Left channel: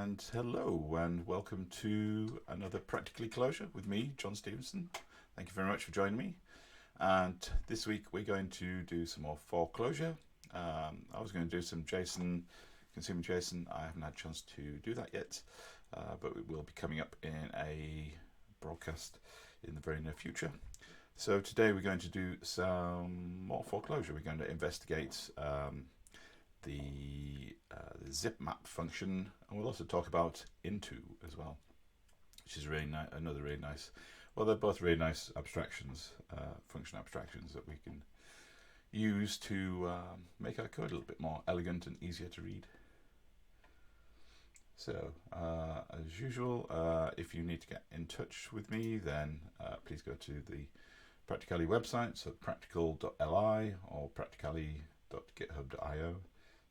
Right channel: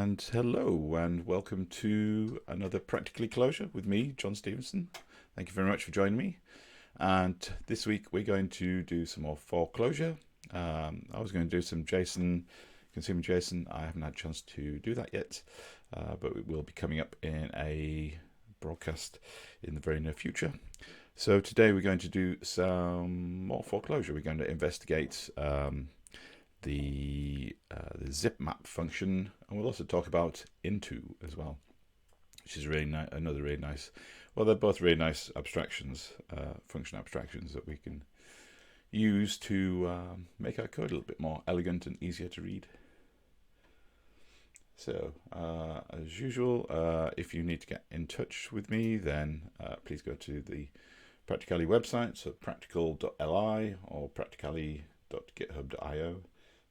And hello and welcome to another Practically Clojure with me, John Stevenson. Thank you very much for joining me. And this week we're going to do some more 4Clojure. I was going to do some JSON, consumer JSON. I haven't had a chance to do that yet, but it will be coming up in a broadcast in the very near future. So today we're going to do some more 4Clojure. We're going to investigate the zipmap function, and we'll also talk about into as well, which is really another really nice. Well, they're both really nice abstractions, function abstractions that we can use to make our code a little bit more elegant and easier to read. So, as usual, if you need to get in touch with me, then please go to the Practicalli website, so practical.li or practicalli.github.io.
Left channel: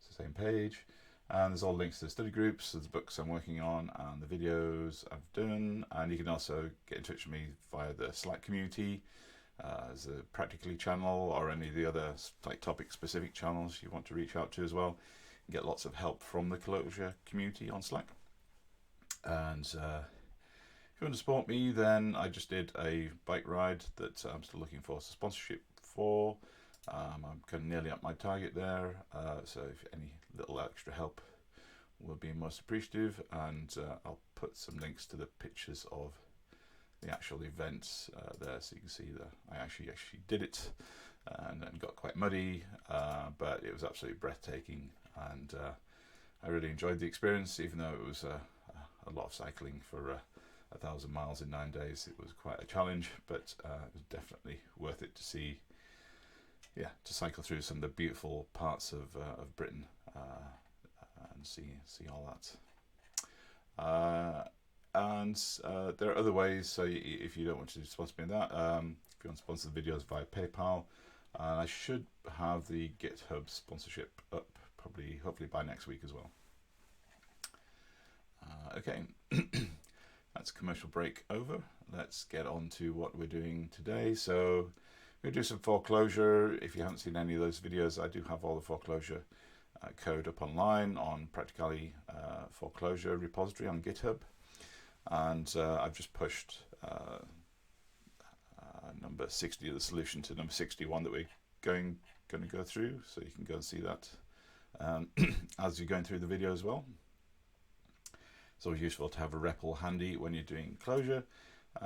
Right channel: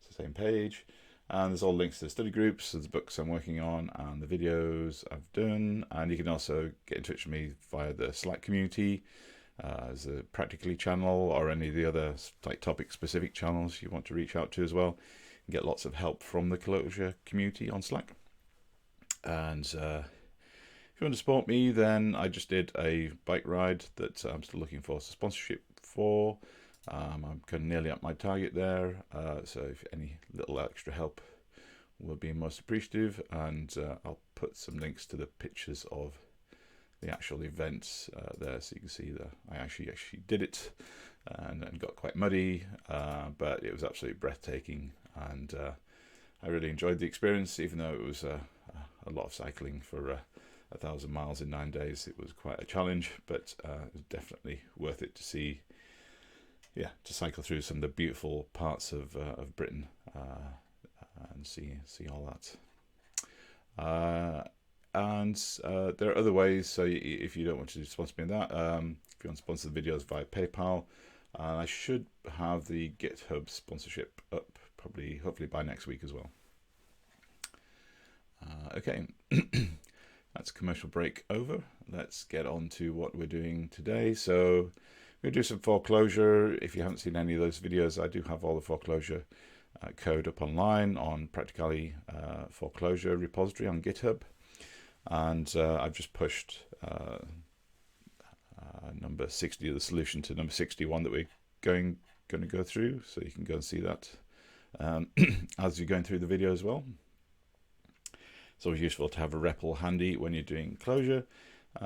It's the same page, and there's all links to the study groups, the books I'm working on, and the videos I've done. And you can also get in touch with me via the Slack community, as a Practicalli channel, or any of the other like topic-specific channels you want to reach out to as well. You get lots of help from the Clojure community on Slack. And if you want to support me, then I just did a bike ride that I'm still looking for sponsorship for. I'm kind of nearly at my target there, so if any little extra help will be most appreciative. And I'll put some links to the pictures of the actual events there, so you can see that I actually did it, and got quite muddy, but it was absolutely breathtaking, and I really enjoyed the experience, even though it was a lot of cycling for 1,000 miles in 9 days. It was quite a challenge, but it was definitely worth it to see. Yeah, to cycle through some of the beautiful parts of Britain and see all that. And there are other ways. So if you don't want to sponsor me in that, if you want to sponsor the videos via PayPal, I should have the GitHub sponsorship up hopefully by next week as well. Okay, that's commercial break over. Let's get on to what we're doing today. So we're going to do some 4Clojure. If you haven't seen any of those videos, I do have all the 4Clojure code up online on Practicalli 4Clojure repository on GitHub. And I've just pushed number 60 of the solution to number 61 that we're going to go through. So you can go and see that as you're going through the video as well. It's always useful to have a REPL handy when you're doing Clojure,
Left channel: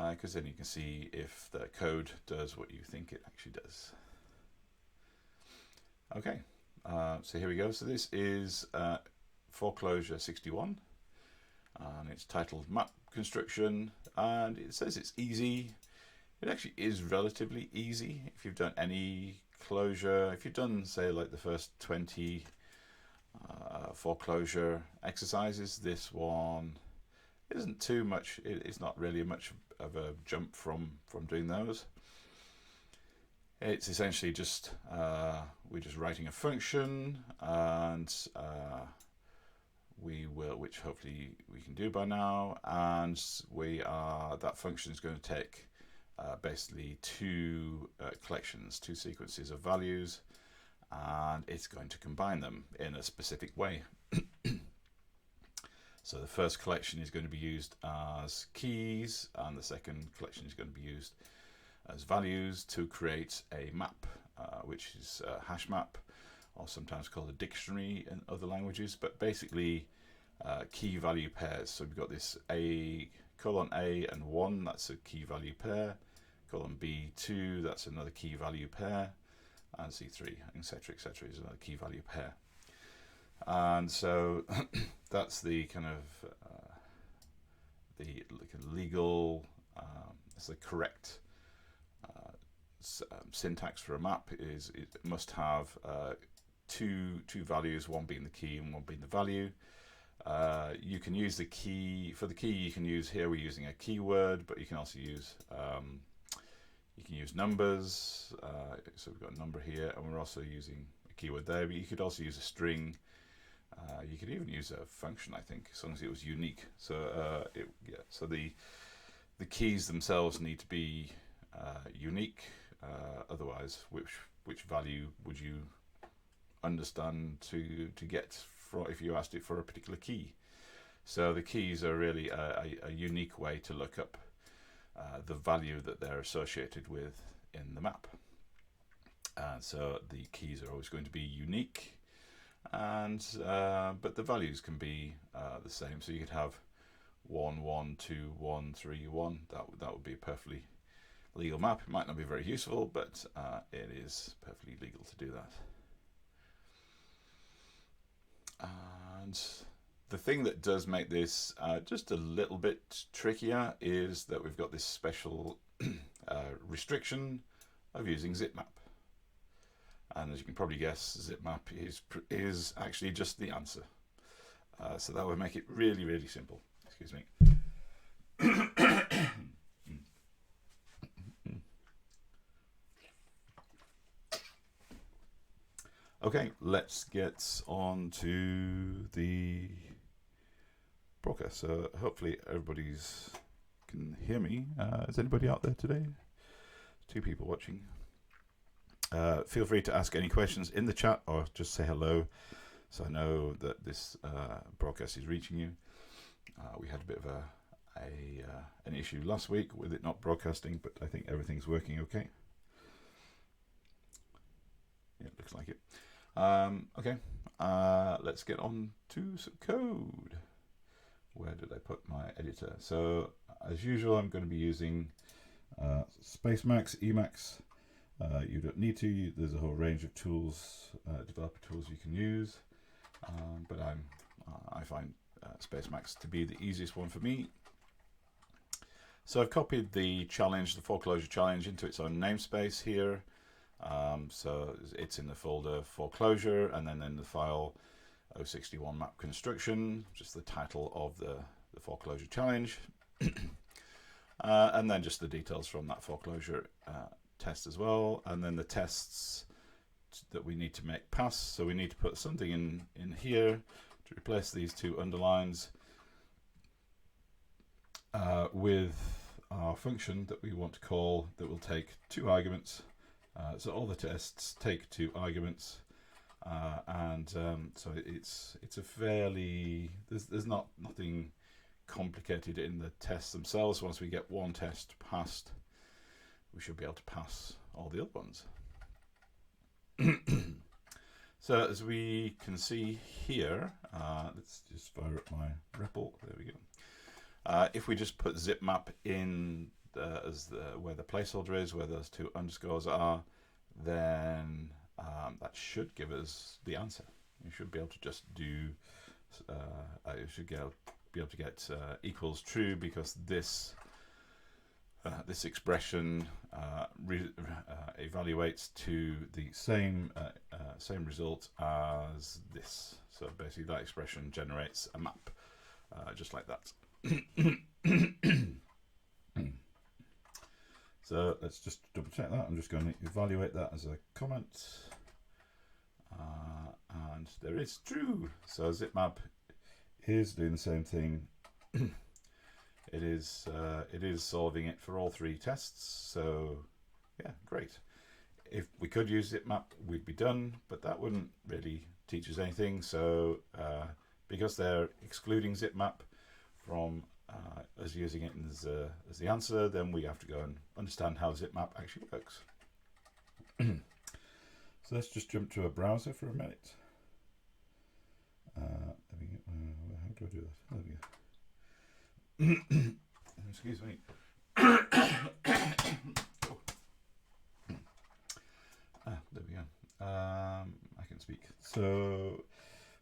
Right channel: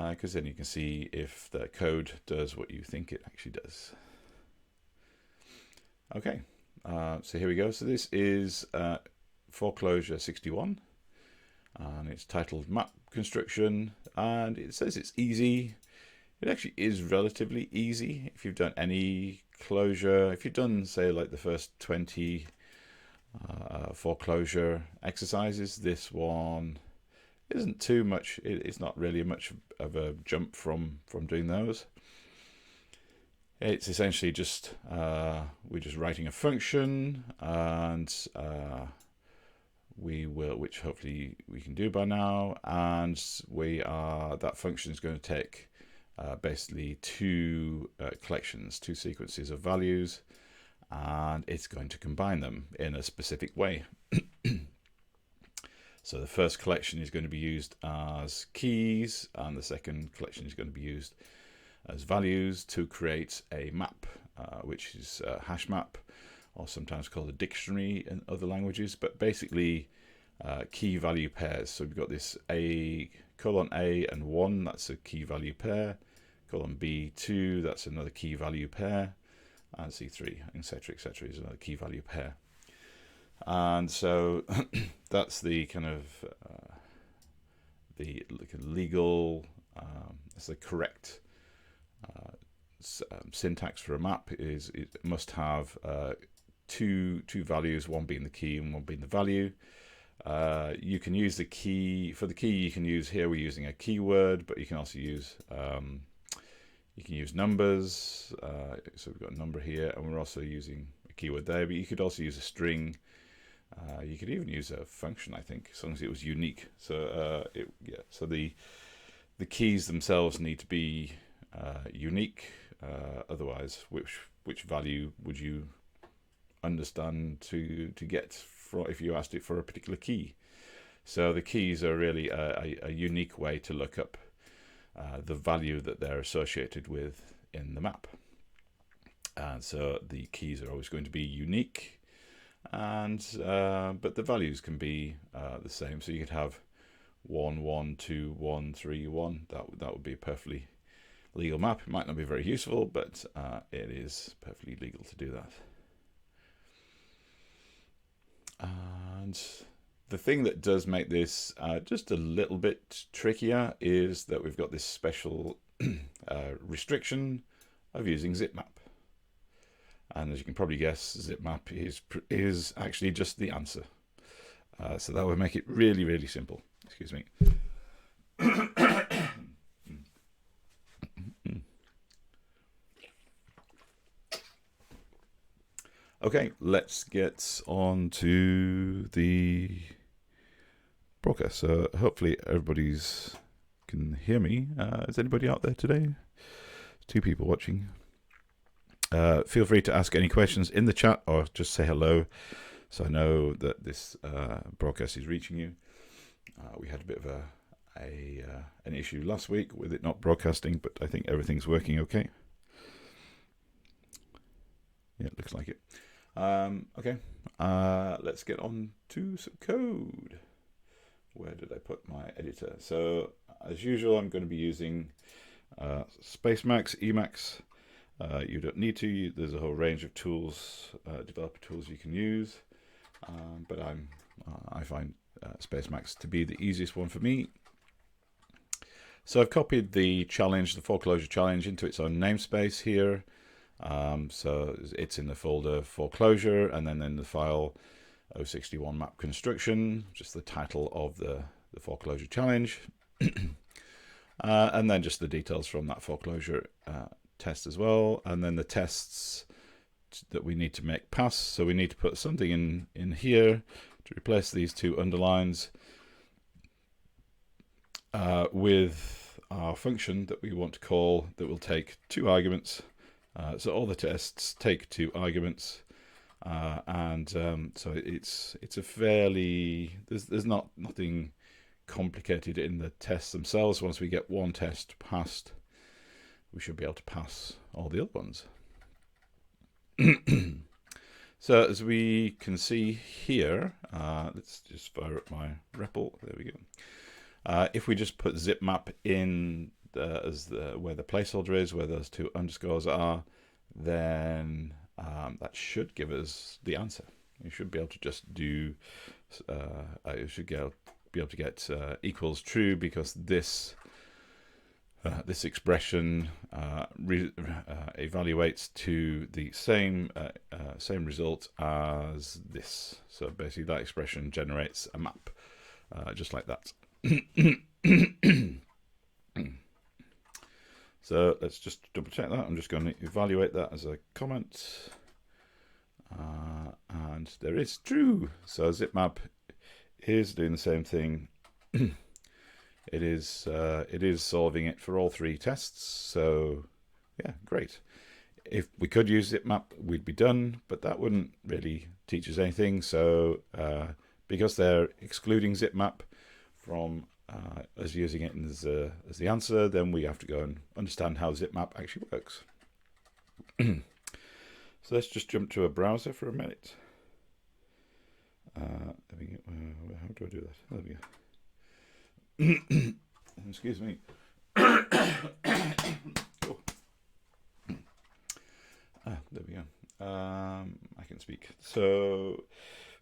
because then you can see if the code does what you think it actually does. Okay, so here we go. So this is 4Clojure 61, and it's titled Map Construction, and it says it's easy. It actually is relatively easy if you've done any Clojure. If you've done, say, like the first 20 4Clojure exercises, this one isn't too much. It's not really much of a jump from doing those. It's essentially just we're just writing a function, and which hopefully we can do by now, and that function is going to take basically two collections, two sequences of values, and it's going to combine them in a specific way. So the first collection is going to be used as keys, and the second collection is going to be used as values to create a map, which is a hashmap, or sometimes called a dictionary in other languages, but basically key value pairs. So we've got this A and 1, that's a key value pair, B 2, that's another key value pair, and C3, etc., is another key value pair. And so that's the kind of the legal, it's the correct syntax for a map is it must have two values, one being the key and one being the value. You can use the key for the key. You can use here. We're using a keyword, but you can also use numbers. So we've got a number here, and we're also using a keyword there. But you could also use a string. You could even use a function, I think, as long as it was unique. So So the keys themselves need to be unique. Otherwise, which value would you understand to get for if you asked it for a particular key? So the keys are really a unique way to look up the value that they're associated with in the map. And so the keys are always going to be unique, and but the values can be the same. So you could have 1, 1, 2, 1, 3, 1. That would be a perfectly legal map. It might not be very useful, but it is perfectly legal to do that. And the thing that does make this just a little bit trickier is that we've got this special restriction of using zipmap. And as you can probably guess, zipmap is actually just the answer. So that would make it really, really simple. Excuse me. Okay, let's get on to the broadcast. So hopefully everybody's can hear me. Is anybody out there today? 2 people watching. Feel free to ask any questions in the chat or just say hello, so I know that this broadcast is reaching you. We had a bit of an issue last week with it not broadcasting, but I think everything's working okay. Yeah, it looks like it. Okay, let's get on to some code. Where did I put my editor? So as usual, I'm going to be using spacemax, Emacs. You don't need to. There's a whole range of tools, developer tools you can use, but I find spacemax to be the easiest one for me. So I've copied the challenge, the 4Clojure challenge, into its own namespace here. So it's in the folder 4Clojure, and then in the file 061 map construction, just the title of the 4Clojure challenge, and then just the details from that 4Clojure test as well, and then the tests that we need to make pass. So we need to put something in here to replace these 2 underlines with our function that we want to call, that will take 2 arguments. So all the tests take 2 arguments, and so it's a fairly, there's nothing complicated in the tests themselves. Once we get one test passed, we should be able to pass all the other ones. So as we can see here, let's just fire up my REPL. There we go. If we just put zipmap in as where the placeholder is, where those 2 underscores are, then that should give us the answer. You should be able to just do. You should be able to get equals true, because this expression evaluates to the same result as this. So basically, that expression generates a map, just like that. So let's just double check that. I'm just going to evaluate that as a comment, and there is true. So zipmap is doing the same thing. It is solving it for all 3 tests. So yeah, great. If we could use zipmap, we'd be done, but that wouldn't really teach us anything. So because they're excluding zipmap from us using it as the answer, then we have to go and understand how zipmap actually works. So let's just jump to a browser for a minute. There we go. How do I do that? There we go. Excuse me. There we go. I can speak. So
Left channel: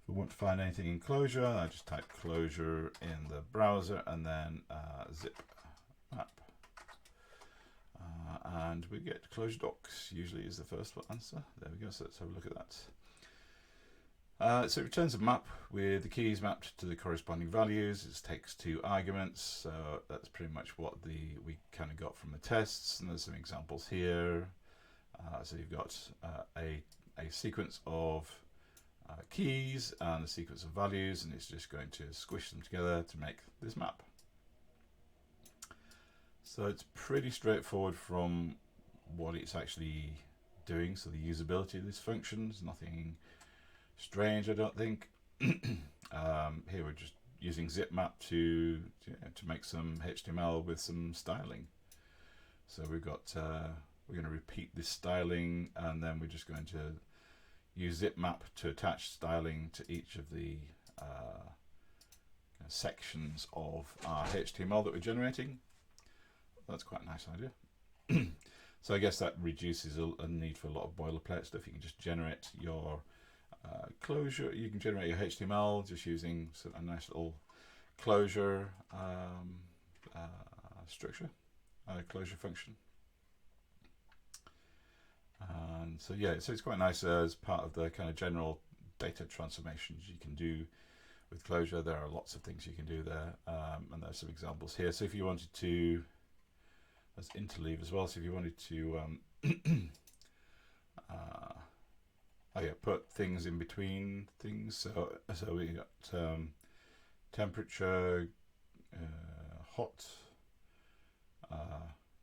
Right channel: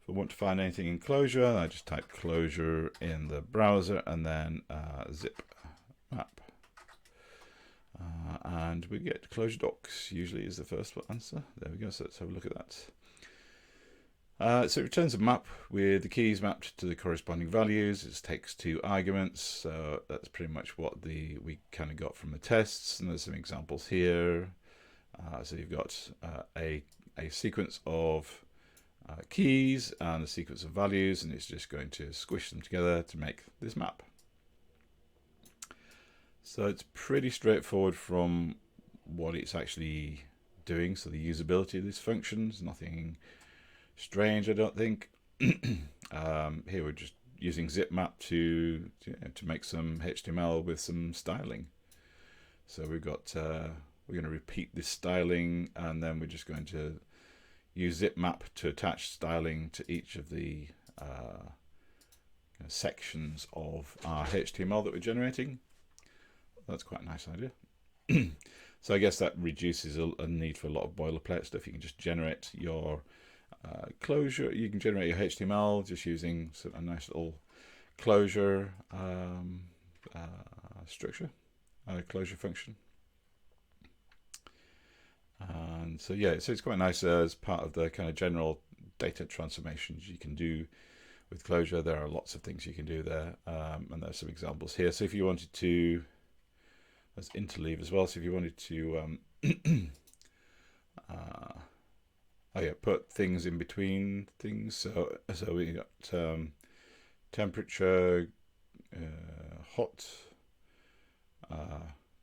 if I want to find anything in Clojure, I just type Clojure in the browser, and then zip map. And we get Clojure docs, usually is the first answer. There we go, so let's have a look at that. So it returns a map with the keys mapped to the corresponding values. It takes 2 arguments, so that's pretty much what we kind of got from the tests, and there's some examples here. So you've got a sequence of keys and a sequence of values, and it's just going to squish them together to make this map. So it's pretty straightforward from what it's actually doing. So the usability of this function is nothing strange, I don't think. Here we're just using zipmap to make some HTML with some styling. So we've got we're going to repeat this styling, and then we're just going to use zipmap to attach styling to each of the sections of our HTML that we're generating. That's quite a nice idea. So I guess that reduces a need for a lot of boilerplate stuff. You can just generate your Clojure. You can generate your HTML just using a nice little Clojure structure, Clojure function. And so yeah, so it's quite nice as part of the kind of general data transformations you can do with Clojure. There are lots of things you can do there, and there's some examples here. So if you wanted to, there's interleave as well. So if you wanted to, put things in between things. So we got temperature, hot,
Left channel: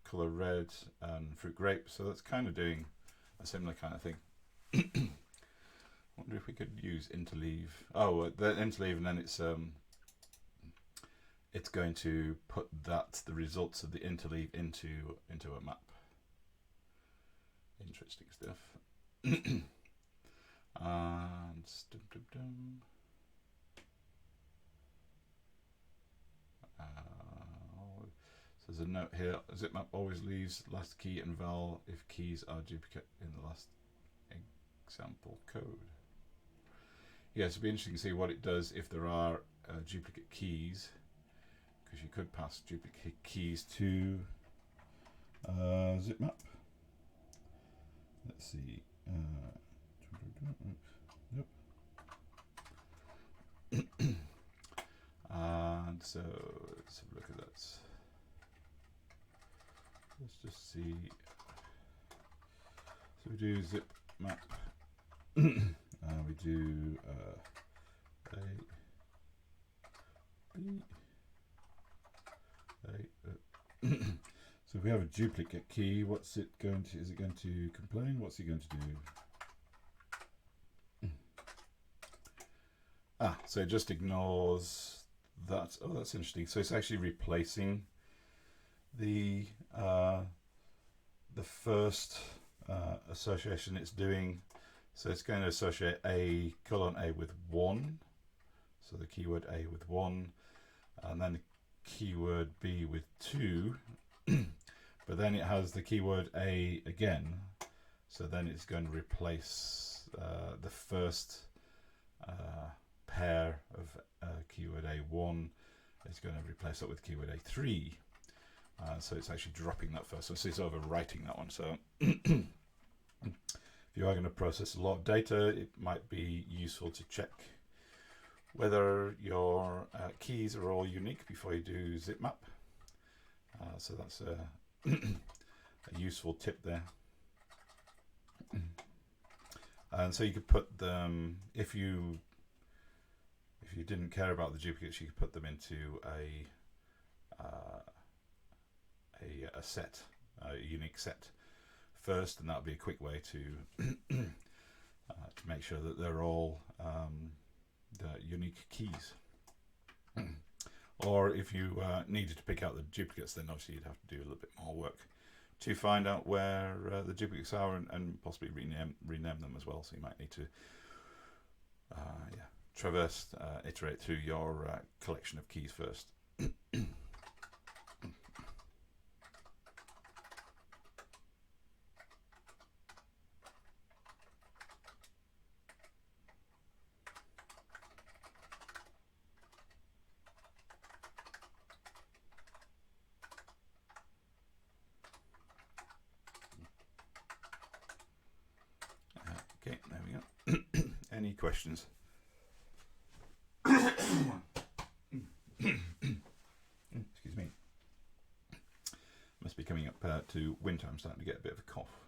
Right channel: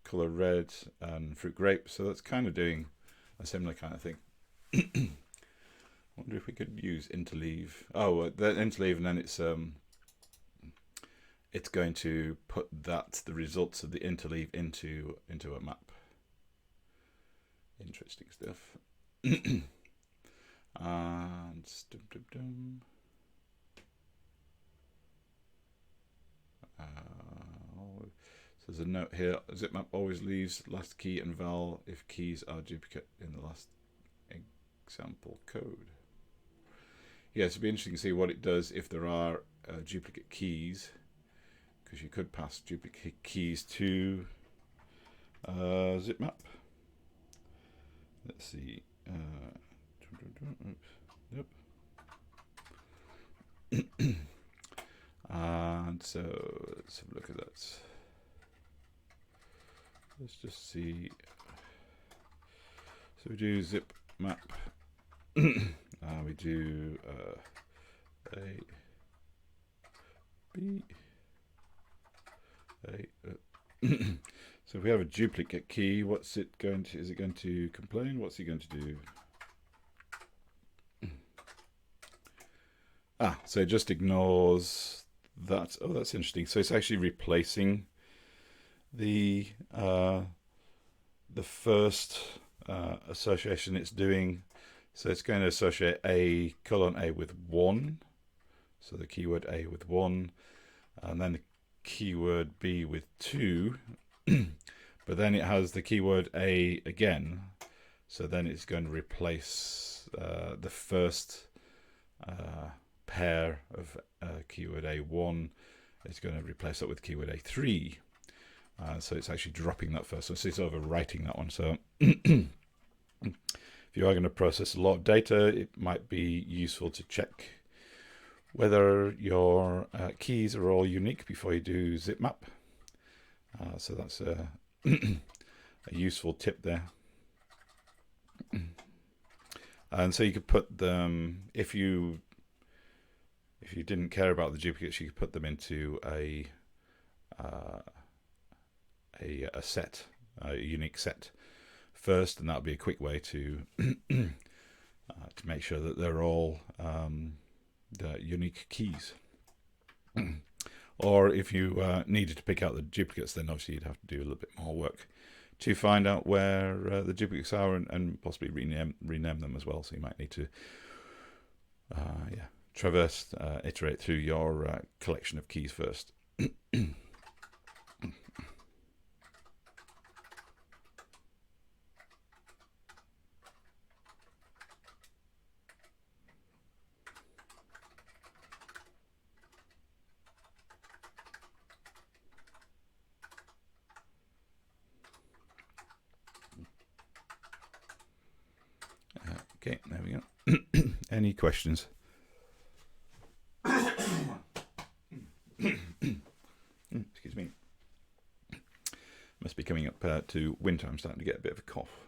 color red, and fruit grape. So that's kind of doing a similar kind of thing. Wonder if we could use interleave. Oh, the interleave, and then it's going to put the results of the interleave into a map. Interesting stuff. And so there's a note here. Zipmap always leaves last key and val if keys are duplicate in the last example code. Yeah, so it'd be interesting to see what it does if there are duplicate keys, because you could pass duplicate keys to zipmap. Let's see. And so let's have a look at that. Let's just see. So we do zipmap. We do A, B, A. So if we have a duplicate key, what's it going to? Is it going to complain? What's it going to do? So it just ignores that. Oh, that's interesting. So it's actually replacing the first association it's doing. So it's going to associate A with 1, so the keyword A with 1, and then the keyword B with 2, but then it has the keyword A again, so then it's going to replace the first pair of keyword A1. It's going to replace that with keyword A3, so it's actually dropping that first one, so it's overwriting that one. So if you are going to process a lot of data, it might be useful to check whether your keys are all unique before you do zipmap. So that's a useful tip there. And so you could put them, if you didn't care about the duplicates, you could put them into a set, a unique set first, and that would be a quick way to make sure that they're all unique keys. Or if you needed to pick out the duplicates, then obviously you'd have to do a little bit more work to find out where the duplicates are, and possibly rename them as well. So you might need to traverse, iterate through your collection of keys first. Okay, there we go. Any questions? Excuse me. Must be coming up to winter. I'm starting to get a bit of a cough.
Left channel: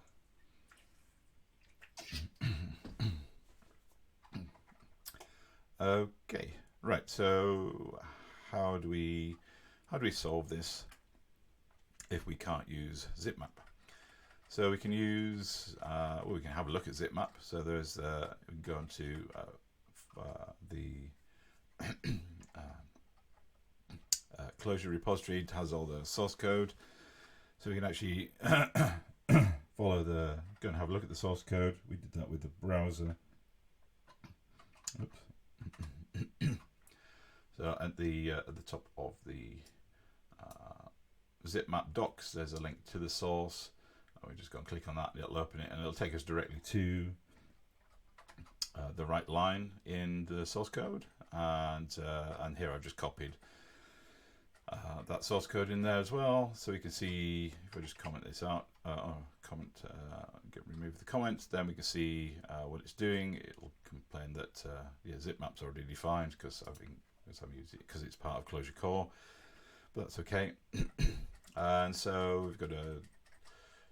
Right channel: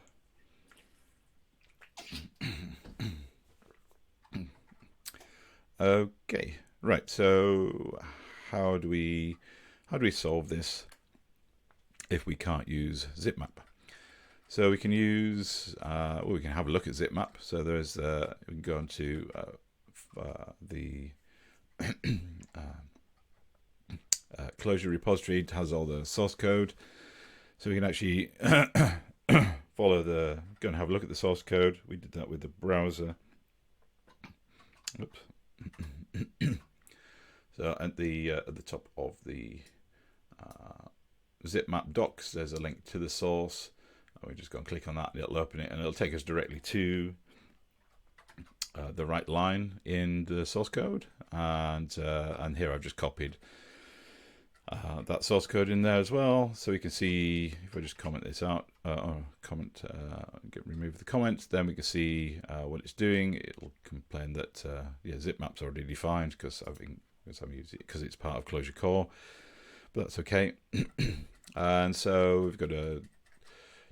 Okay, right. So how do we solve this if we can't use zipmap? So we can use, we can have a look at zipmap. So there's, we can go on to the Clojure repository has all the source code, so we can actually follow go and have a look at the source code. We did that with the browser. Oops. So at the top of the zipmap docs, there's a link to the source. We just go and click on that, and it'll open it, and it'll take us directly to the right line in the source code. And here I've just copied that source code in there as well, so we can see if I just comment this out, remove the comments, then we can see what it's doing. It'll complain that yeah, zipmap's already defined because I'm using it because it's part of Clojure core, but that's okay. And so we've got a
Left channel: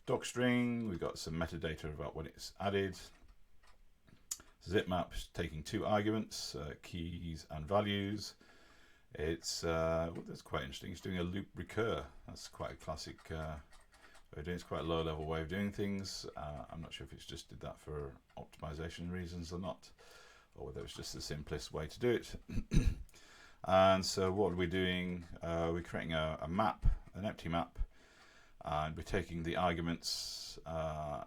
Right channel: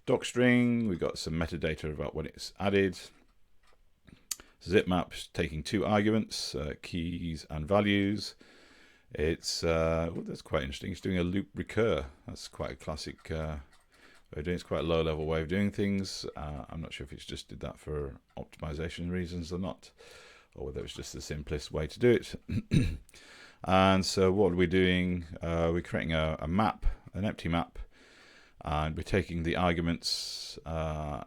doc string, we've got some metadata about when it's added. Zipmap's taking 2 arguments, keys and values. It's well, that's quite interesting. It's doing a loop recur. That's quite a classic way of doing it. It's quite a low-level way of doing things. I'm not sure if it's just did that for optimization reasons or not, or whether it's just the simplest way to do it. And so what are we doing? We're creating a map, an empty map, and we're taking the arguments of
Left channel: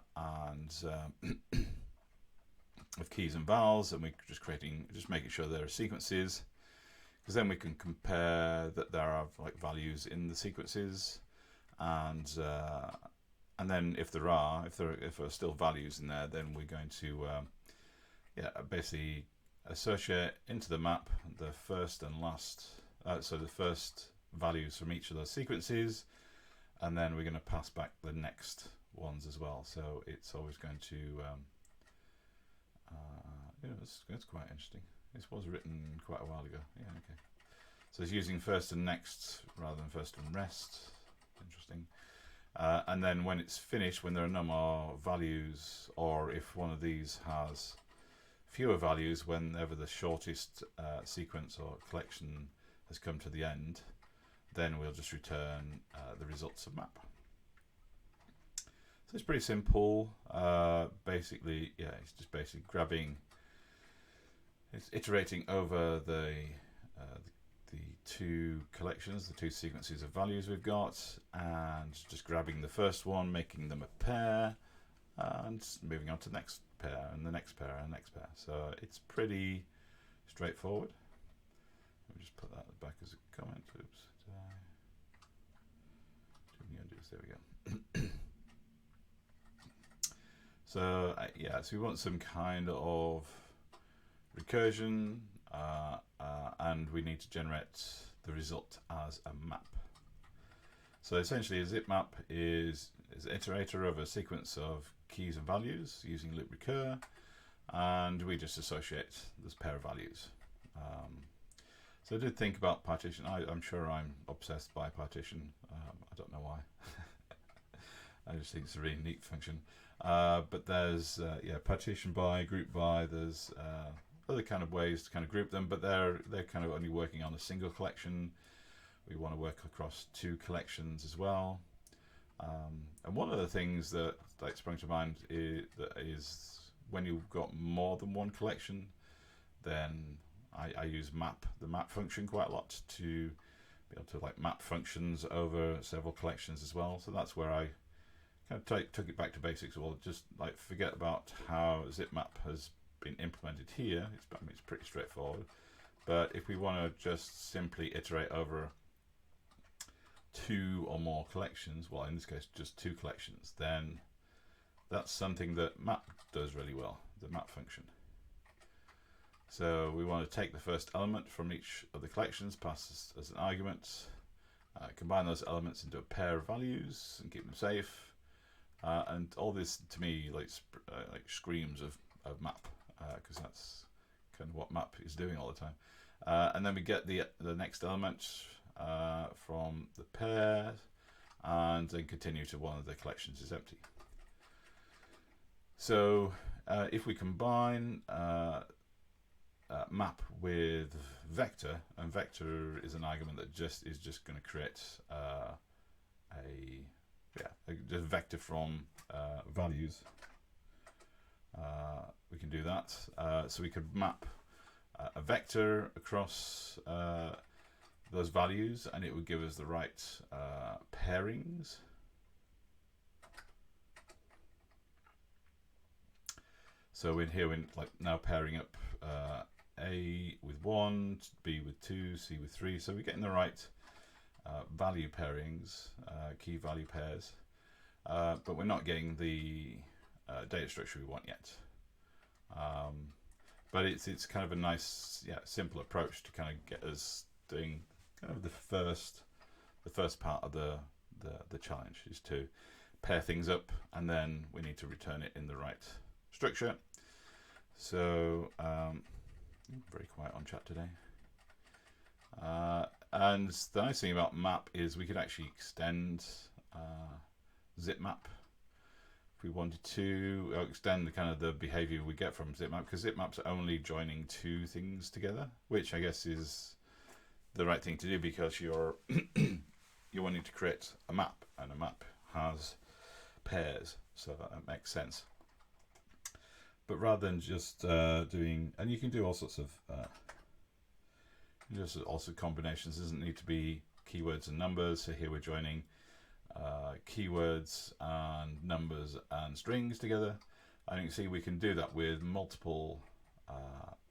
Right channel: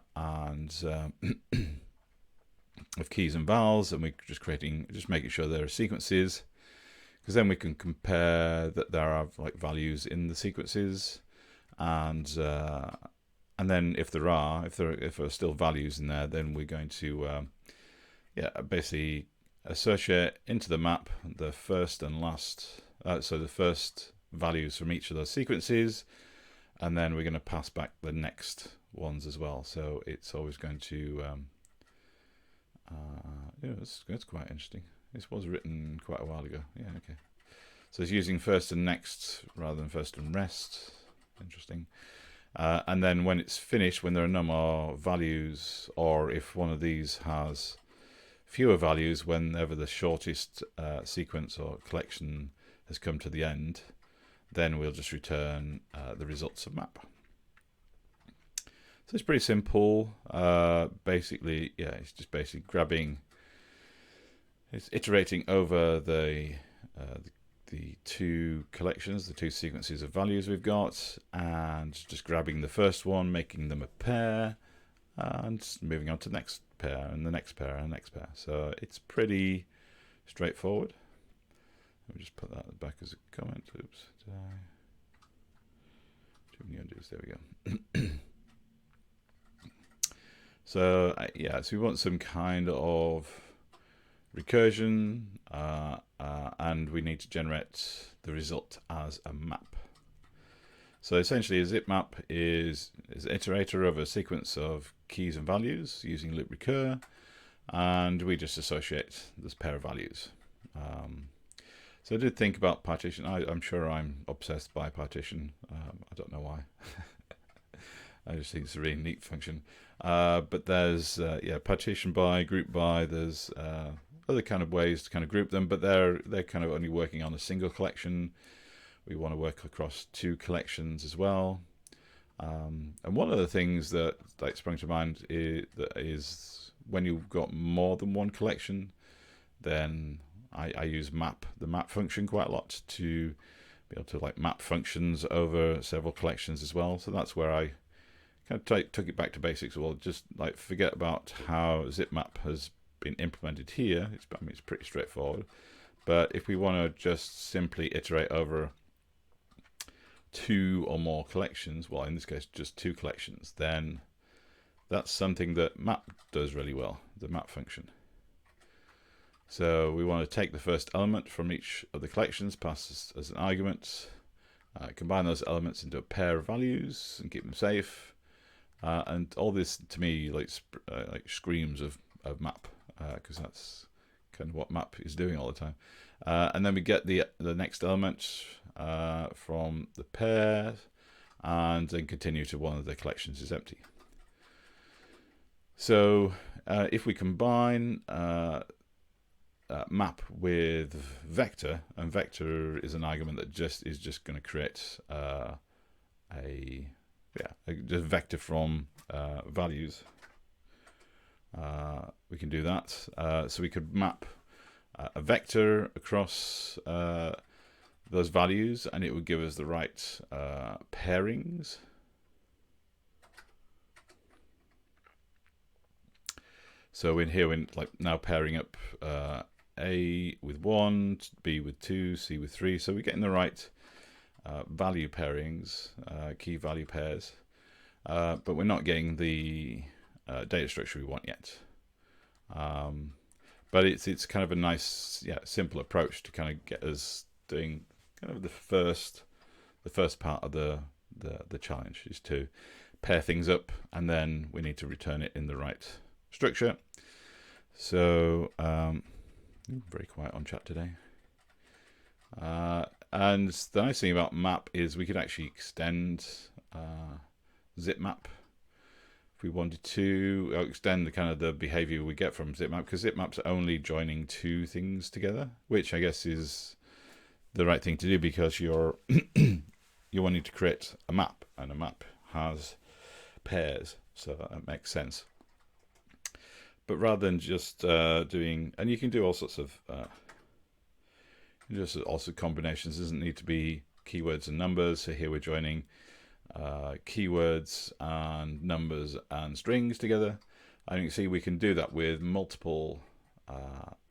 keys and vowels, and we're just making sure there are sequences, because then we can compare that there are like values in the sequences, and then if there are still values in there, then we're going to basically associate into the map the first and last, so the first values from each of those sequences, and then we're going to pass back the next ones as well. So it's always going to it's quite interesting. This was written quite a while ago. Yeah, okay. So it's using first and next rather than first and rest. Interesting. And then when it's finished, when there are no more values, or if one of these has fewer values, whenever the shortest sequence or collection has come to the end, then we'll just return the results of map. So it's pretty simple. Basically, yeah, it's just basically it's iterating over the 2 collections, the 2 sequences of values we've got, and just grabbing the first one, making them a pair, and moving on to the next pair, and the next pair, and the next pair. So it's pretty straightforward. Let me just put that back as a comment. Oops. Too many undos. There we go. So yeah, so we want some kind of recursion, and we need to generate the result as a map. So essentially a zipmap is an iterator of a sequence of keys and values using loop recur, and we just associate this pair of values. So I did think about partition. I'm sure I'm obsessed by partition. I don't know why. I just think it's a really neat function. But there's partition by, group by. There's other kind of ways to kind of group them, but they're kind of only working on a single collection. We want to work across 2 collections as well. And one of the things that sprung to mind is when you've got more than one collection, then I use the map function quite a lot to be able to like map functions over several collections as well. So that's where I kind of took it back to basics. Well, just like forget about how zipmap has been implemented here. It's pretty straightforward. But if we want to just simply iterate over 2 or more collections, well, in this case, just 2 collections, then that's something that map does really well, the map function. So we want to take the first element from each of the collections, pass as an argument, combine those elements into a pair of values and keep them safe. And all this to me like screams of map, because that's kind of what map is doing all the time. And then we get the next element from the pair, and then continue to one of the collections is empty. So if we combine map with vector, and vector is an argument that is just going to create a vector from values. We can do that. So we could map a vector across those values, and it would give us the right pairings. So in here, we're like now pairing up A with 1, B with 2, C with 3. So we're getting the right value pairings, key value pairs, but we're not getting the data structure we want yet. But it's kind of a nice, simple approach to kind of get us doing kind of the first part of the challenge is to pair things up, and then we need to return it in the right structure. So very quiet on chat today. And the nice thing about map is we could actually extend zipmap if we wanted to, extend the kind of the behavior we get from zipmap, because zipmap's only joining two things together, which I guess is the right thing to do because you're you're wanting to create a map, and a map has pairs, so that makes sense. But rather than just doing, and you can do all sorts of just also combinations. It doesn't need to be keywords and numbers. So here we're joining keywords and numbers and strings together, and you can see we can do that with multiple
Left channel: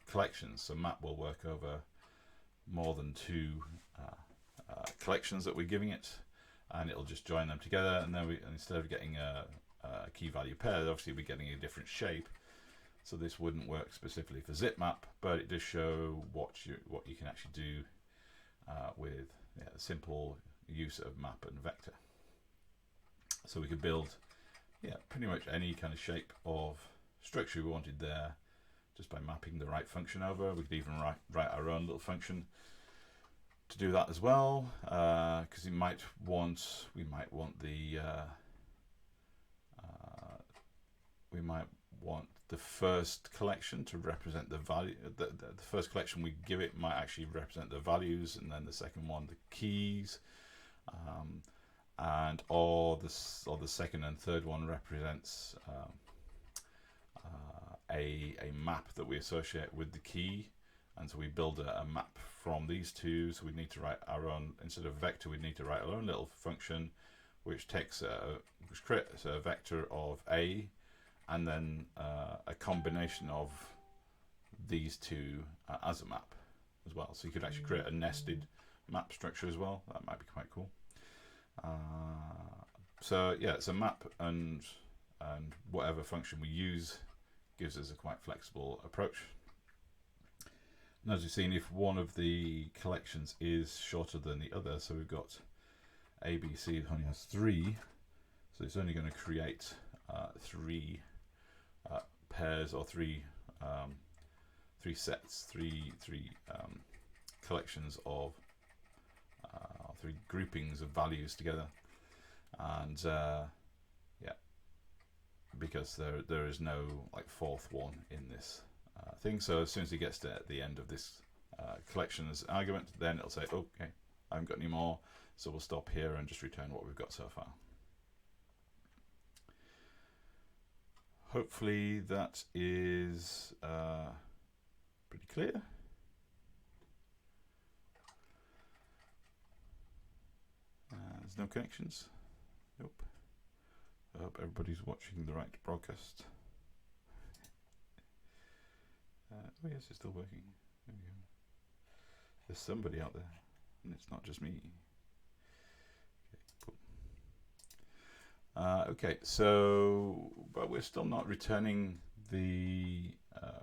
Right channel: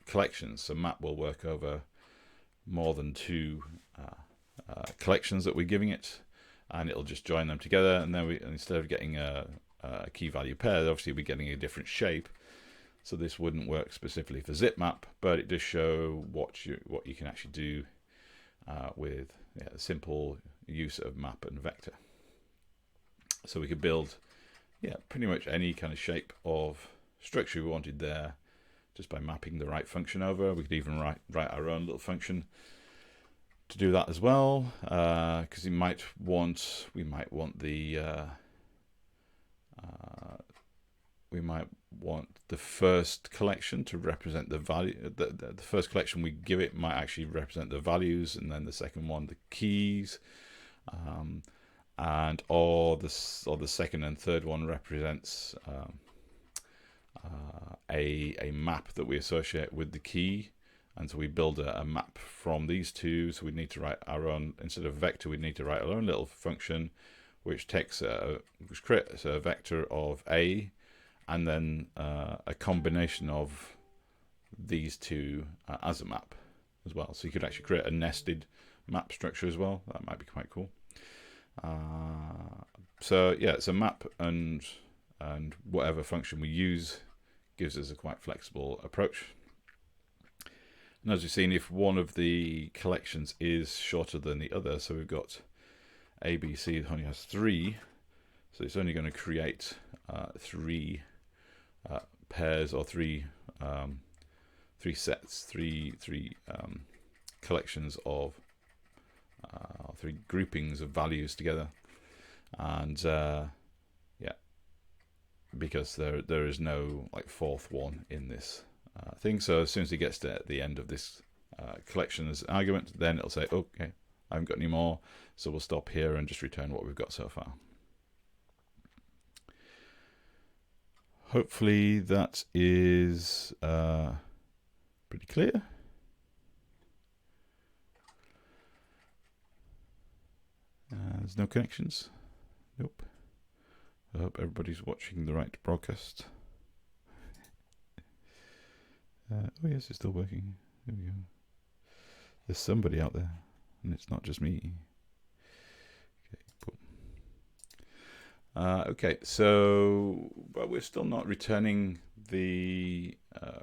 collections. So map will work over more than two collections that we're giving it, and it'll just join them together. And then instead of getting a key value pair, obviously we're getting a different shape. So this wouldn't work specifically for zipmap, but it does show what you can actually do with simple use of map and vector. So we could build pretty much any kind of shape of structure we wanted there just by mapping the right function over. We could even write our own little function to do that as well, because we might want the first collection to represent the value. The first collection we give it might actually represent the values, and then the second one the keys, or the second and third one represents a map that we associate with the key. And so we build a map from these two. So we need to write our own, instead of vector, we need to write our own little function which creates a vector of A, and then a combination of these two as a map as well. So you could actually create a nested map structure as well. That might be quite cool. So it's a map, and whatever function we use gives us a quite flexible approach. And as you've seen, if one of the collections is shorter than the other, so we've got A, B, C, it only has 3, so it's only going to create 3 pairs, or three sets, three collections of 3 groupings of values together, and because there is no fourth one in this thing. So as soon as it gets to the end of this collection as argument, then it'll say, okay, I haven't got any more, so we'll stop here and just return what we've got so far. Hopefully that is pretty clear. There's no connections. Nope. I hope everybody's watching the right broadcast. Oh yes, it's still working. There we go. There's somebody out there, and it's not just me. Okay, cool. Okay, so but we're still not returning the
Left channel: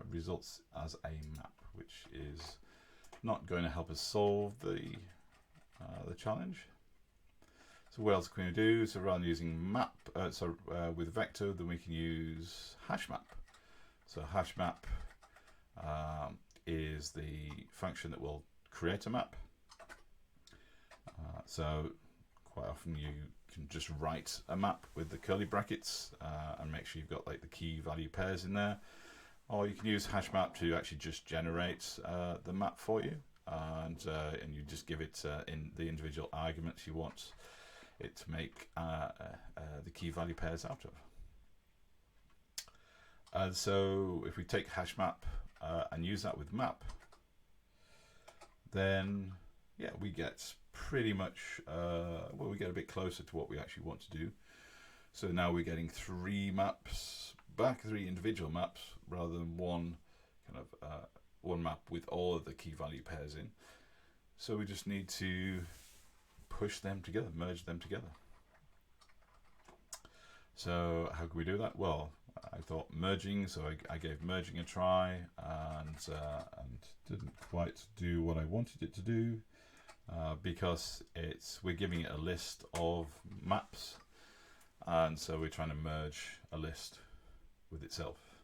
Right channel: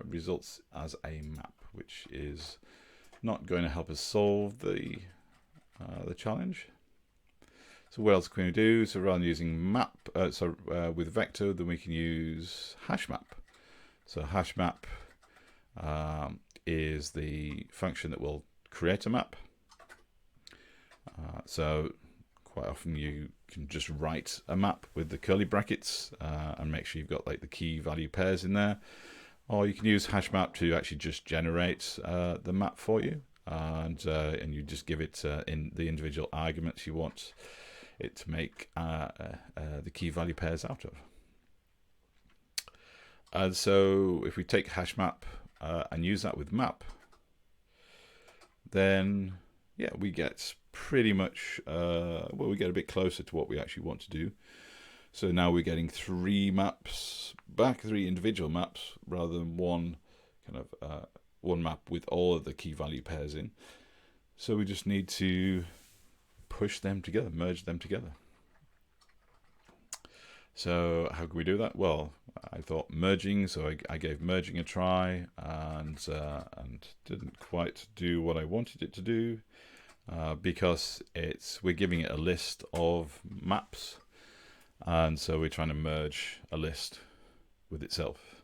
results as a map, which is not going to help us solve the challenge. So what else can we do? So rather than using map, with vector, then we can use hashmap. So hashmap is the function that will create a map. So quite often you can just write a map with the curly brackets and make sure you've got the key value pairs in there, or you can use hashmap to actually just generate the map for you, and you just give it in the individual arguments you want it to make the key value pairs out of. And so if we take hashmap and use that with map, then yeah, we get pretty much, well, we get a bit closer to what we actually want to do. So now we're getting 3 maps back, 3 individual maps, rather than one kind of one map with all of the key value pairs in. So we just need to push them together, merge them together. So how can we do that? Well, I thought merging, so I gave merging a try, and didn't quite do what I wanted it to do, because we're giving it a list of maps, and so we're trying to merge a list with itself.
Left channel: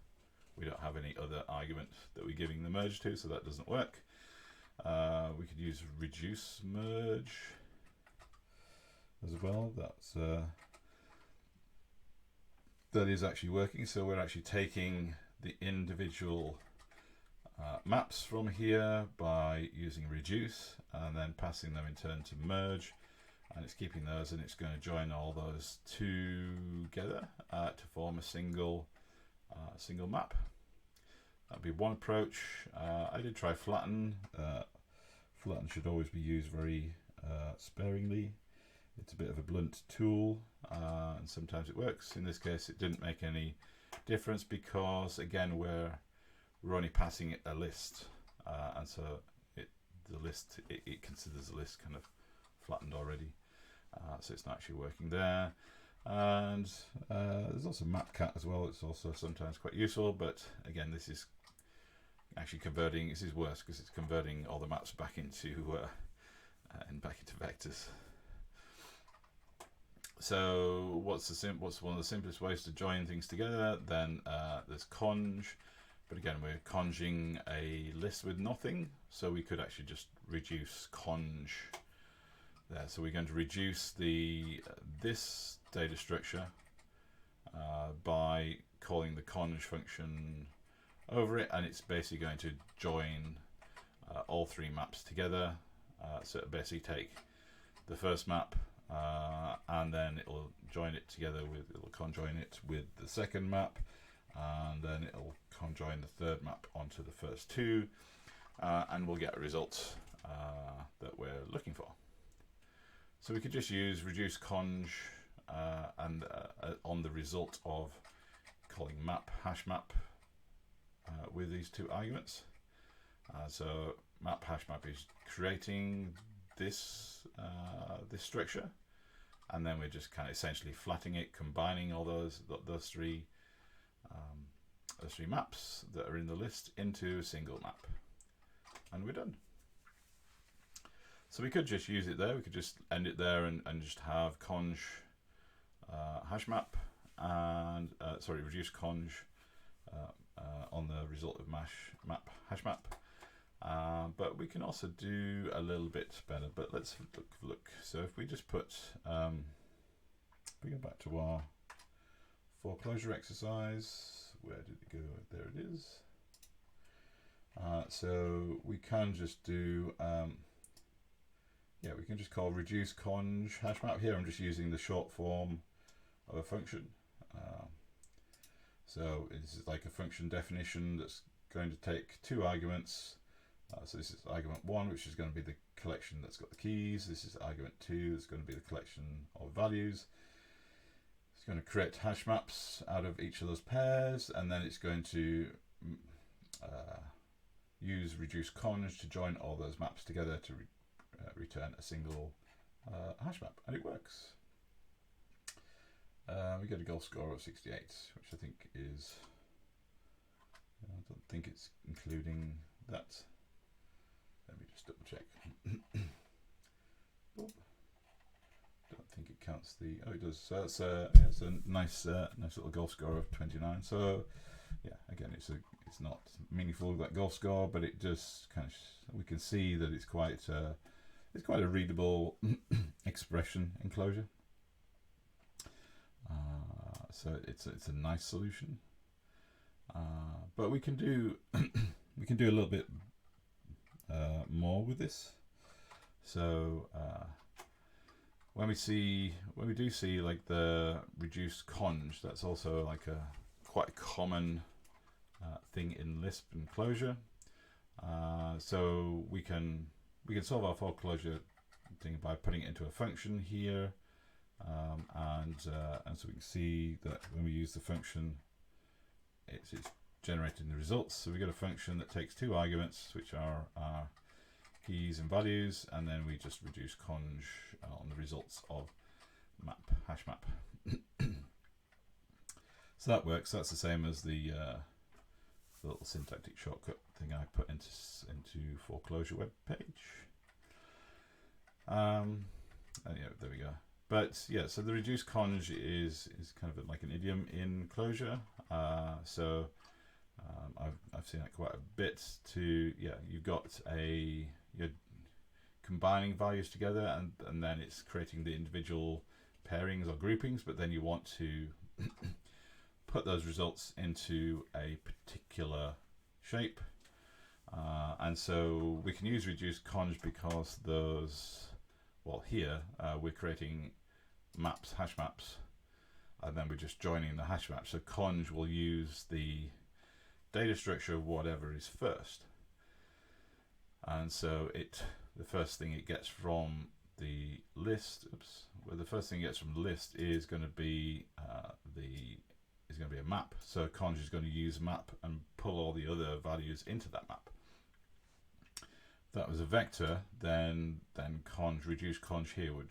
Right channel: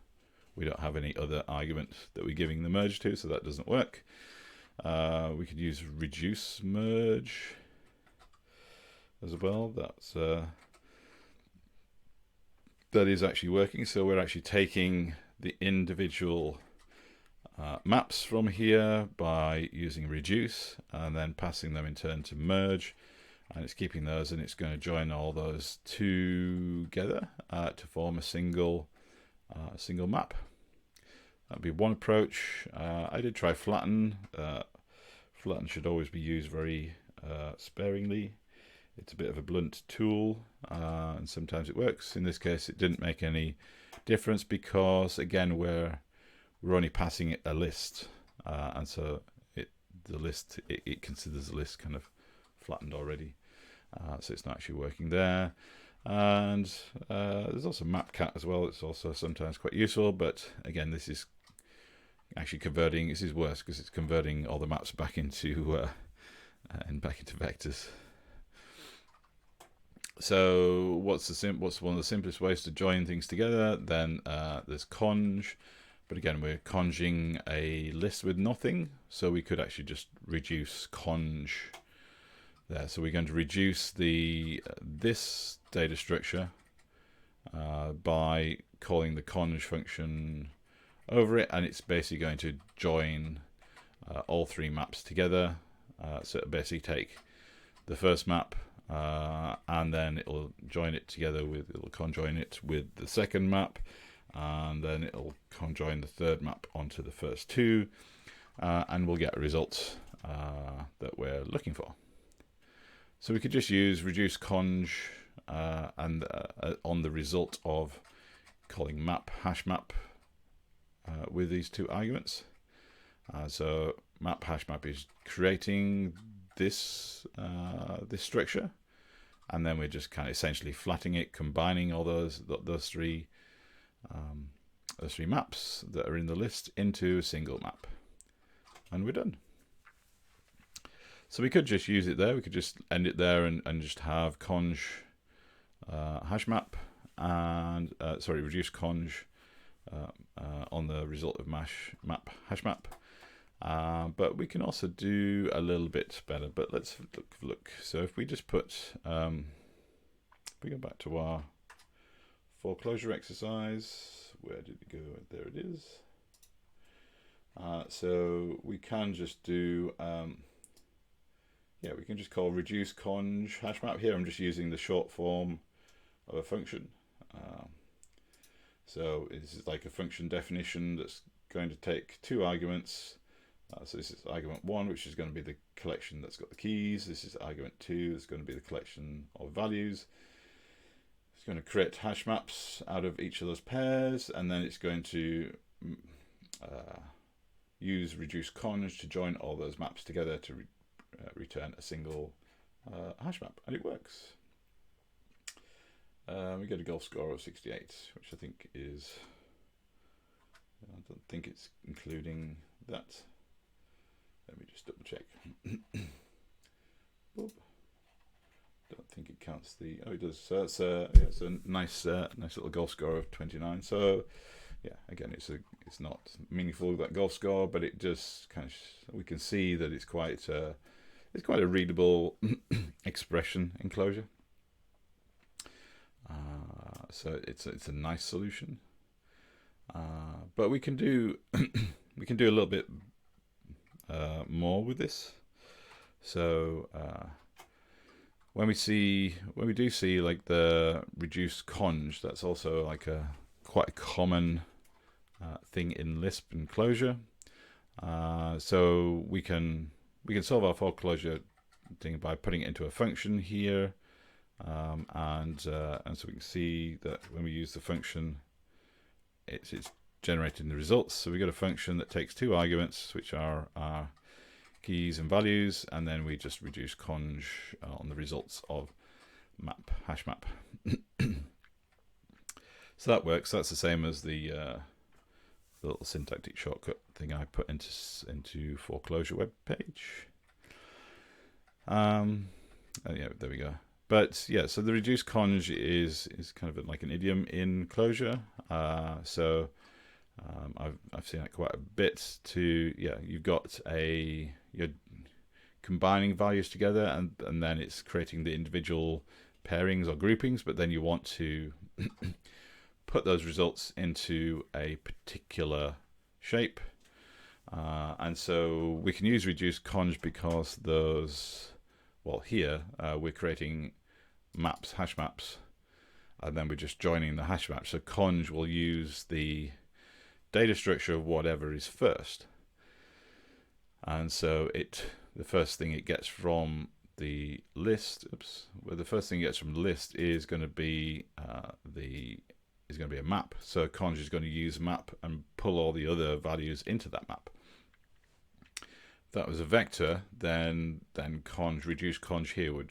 We don't have any other argument that we're giving the merge to, so that doesn't work. We could use reduce merge as well. That is actually working. So we're actually taking the individual maps from here by using reduce, and then passing them in turn to merge, and it's keeping those, and it's going to join all those together to form a single map. That'd be one approach. I did try flatten. Flatten should always be used very sparingly. It's a bit of a blunt tool, and sometimes it works. In this case, it didn't make any difference because, again, we're only passing it a list, and so it considers the list kind of flattened already, so it's not actually working there. And there's also mapcat as well. It's also sometimes quite useful, but again, this is actually converting. This is worse because it's converting all the maps back into vectors. So what's one of the simplest ways to join things together? Then there's conj, but again, we're conjing a list with nothing, so we could actually just reduce conj there. So we're going to reduce this data structure by calling the conj function over it, and it's basically going to join all 3 maps together. So it'll basically take the first map, and then it'll join it together it'll conjoin it with the second map, and then it'll conjoin the third map onto the first 2, and we'll get a result that we're looking for. So we could just use reduce conj and on the result of calling map hashmap with these 2 arguments. So map hashmap is creating this structure, and then we're just kind of essentially flattening it, combining all those 3 maps that are in the list into a single map, and we're done. So we could just use it there. We could just end it there and just have conj hashmap and reduce conj on the result of map hashmap. But we can also do a little bit better. But let's look. So if we just put, we go back to our 4Clojure exercise. Where did it go? There it is. So we can just do, we can just call reduce conj hashmap. Here I'm just using the short form of a function. So this is like a function definition that's going to take 2 arguments. So this is argument 1, which is going to be the collection that's got the keys. This is argument 2, that's going to be the collection of values. It's going to create hash maps out of each of those pairs, and then it's going to use reduce conj to join all those maps together to return a single hash map, and it works. We get a goal score of 68, which I think is, I don't think it's including that. Let me just double check. Don't think it counts the, oh it does, so it's a nice little goal score of 29. So yeah, again, it's not meaningful, that goal score, but it just kind of, we can see that it's quite a readable expression in Clojure. So it's a nice solution, but we can do we can do a little bit more with this. So when we do see like the reduce conj, that's also like quite a common thing in Lisp and Clojure. So we can we can solve our four-clojure thing by putting it into a function here, and so we can see that when we use the function, it's generating the results. So we got a function that takes two arguments, which are our keys and values, and then we just reduce conj on the results of hash map. So that works. That's the same as the little syntactic shortcut thing I put into 4Clojure web page. Yeah, there we go. But yeah, so the reduced conj is kind of like an idiom in Clojure. So I've seen that quite a bit. You've got you're combining values together, and then it's creating the individual pairings or groupings, but then you want to put those results into a particular shape, and so we can use reduced conj because those, well, here we're creating hash maps, and then we're just joining the hash map. So conj will use the data structure of whatever is first, and so the first thing it gets from the list, the first thing it gets from the list is going to be a map. So conj is going to use map and pull all the other values into that map. If that was a vector, then reduce conj here would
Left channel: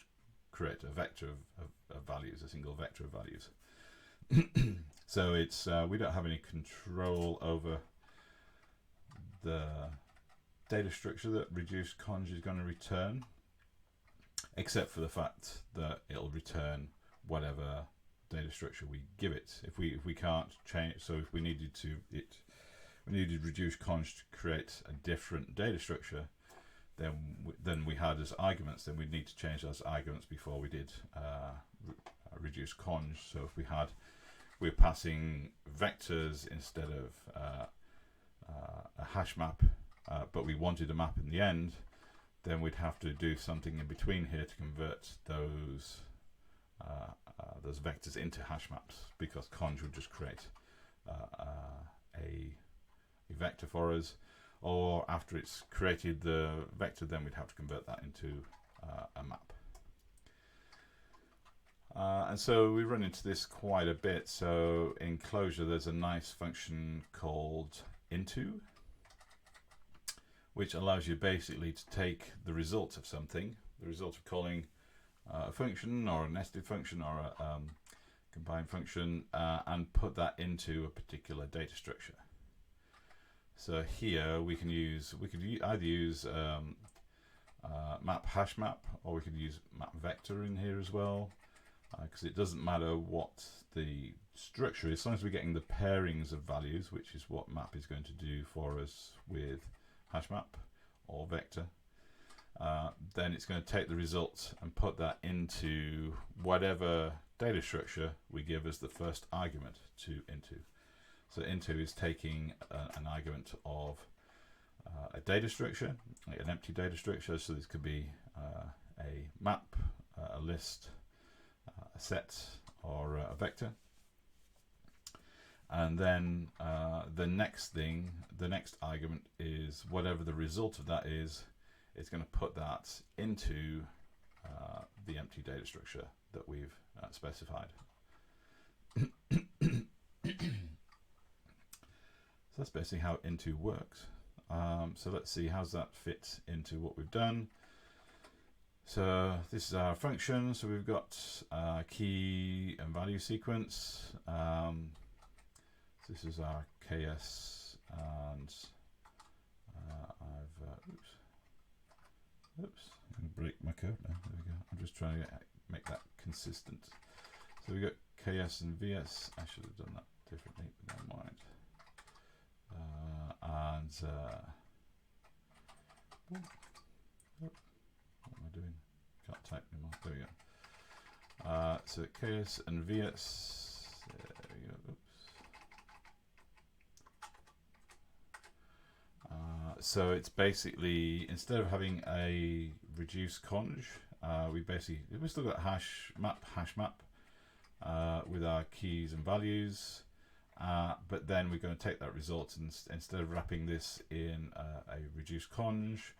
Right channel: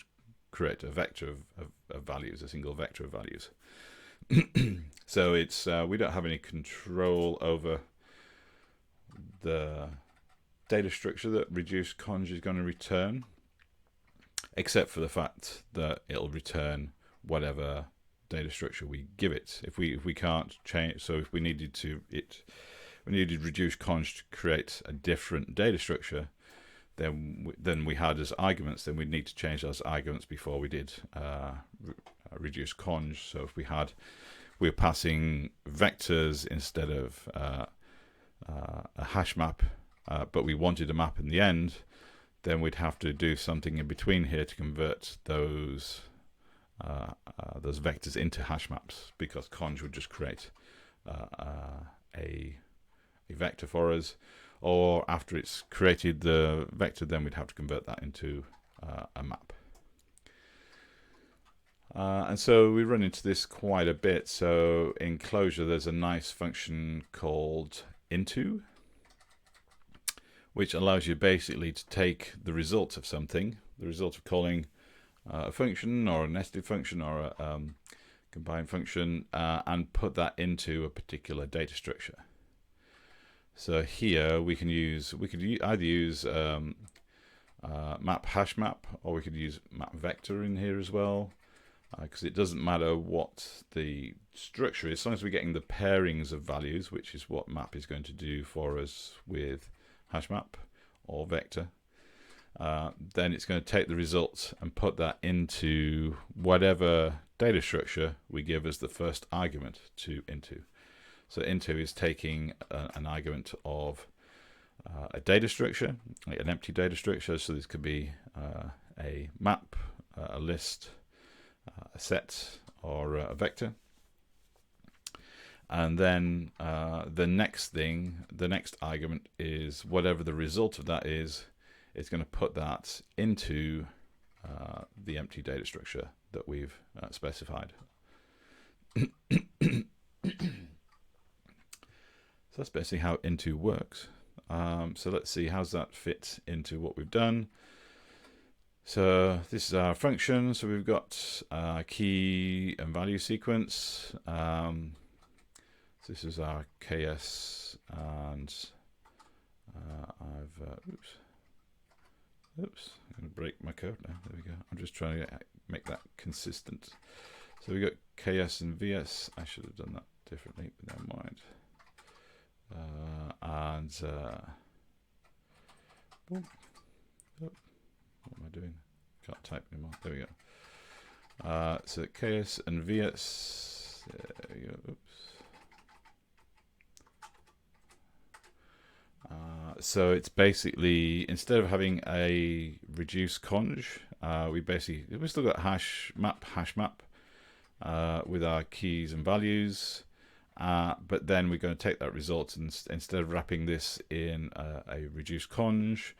create a vector of values, a single vector of values. So it's we don't have any control over the data structure that reduce conj is going to return, except for the fact that it'll return whatever data structure we give it. If we can't change, so if we needed reduce conj to create a different data structure, then we had as arguments, then we'd need to change those arguments before we did reduce conj. So if we're passing vectors instead of a hash map, but we wanted a map in the end, then we'd have to do something in between here to convert those vectors into hash maps, because conj would just create a vector for us, or after it's created the vector, then we'd have to convert that into a map. And so we run into this quite a bit. So in Clojure, there's a nice function called into, which allows you basically to take the result of something, the result of calling a function or a nested function or a combined function, and put that into a particular data structure. So here we could either use map hash map, or we could use map vector in here as well, because it doesn't matter what the structure is, as long as we're getting the pairings of values, which is what map is going to do for us with hash map or vector. Then it's going to take the result and put that into whatever data structure we give as the first argument to into. So into is taking an argument of a data structure, like an empty data structure. So this could be a map, a list, a set, or a vector. And then the next argument is whatever the result of that is. It's going to put that into the empty data structure that we've specified. So that's basically how into works. So let's see, how's that fit into what we've done. So this is our function. So we've got key and value sequence. So this is our KS, and I'm going to break my code now. There we go. I'm just trying to make that consistent. So we got KS and VS. I should have done that differently, but never mind. What am I doing? Can't type anymore. There we go. So KS and VS. There we go. Oops. So it's basically, instead of having a reduce conj, we still got hash map with our keys and values, but then we're going to take that result, and instead of wrapping this in a reduce conj,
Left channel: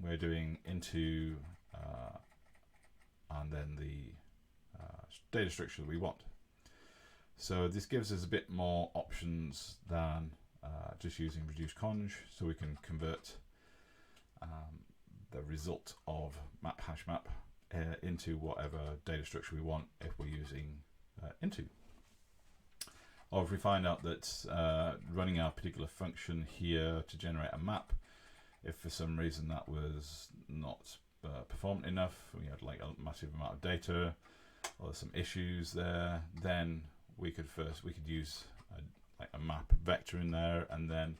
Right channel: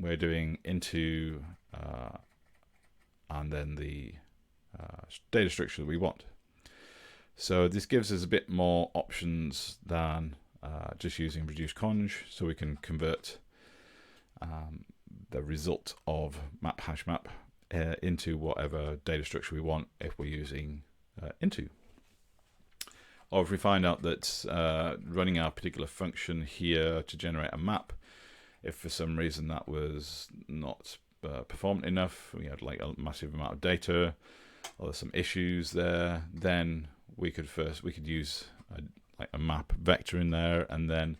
we're doing into and then the data structure that we want. So this gives us a bit more options than just using reducedcons, so we can convert the result of map hashmap into whatever data structure we want if we're using into. Or if we find out that running our particular function here to generate a map, if for some reason that was not performant enough, we had like a massive amount of data, or there's some issues there, then we could use like a map vector in there, and then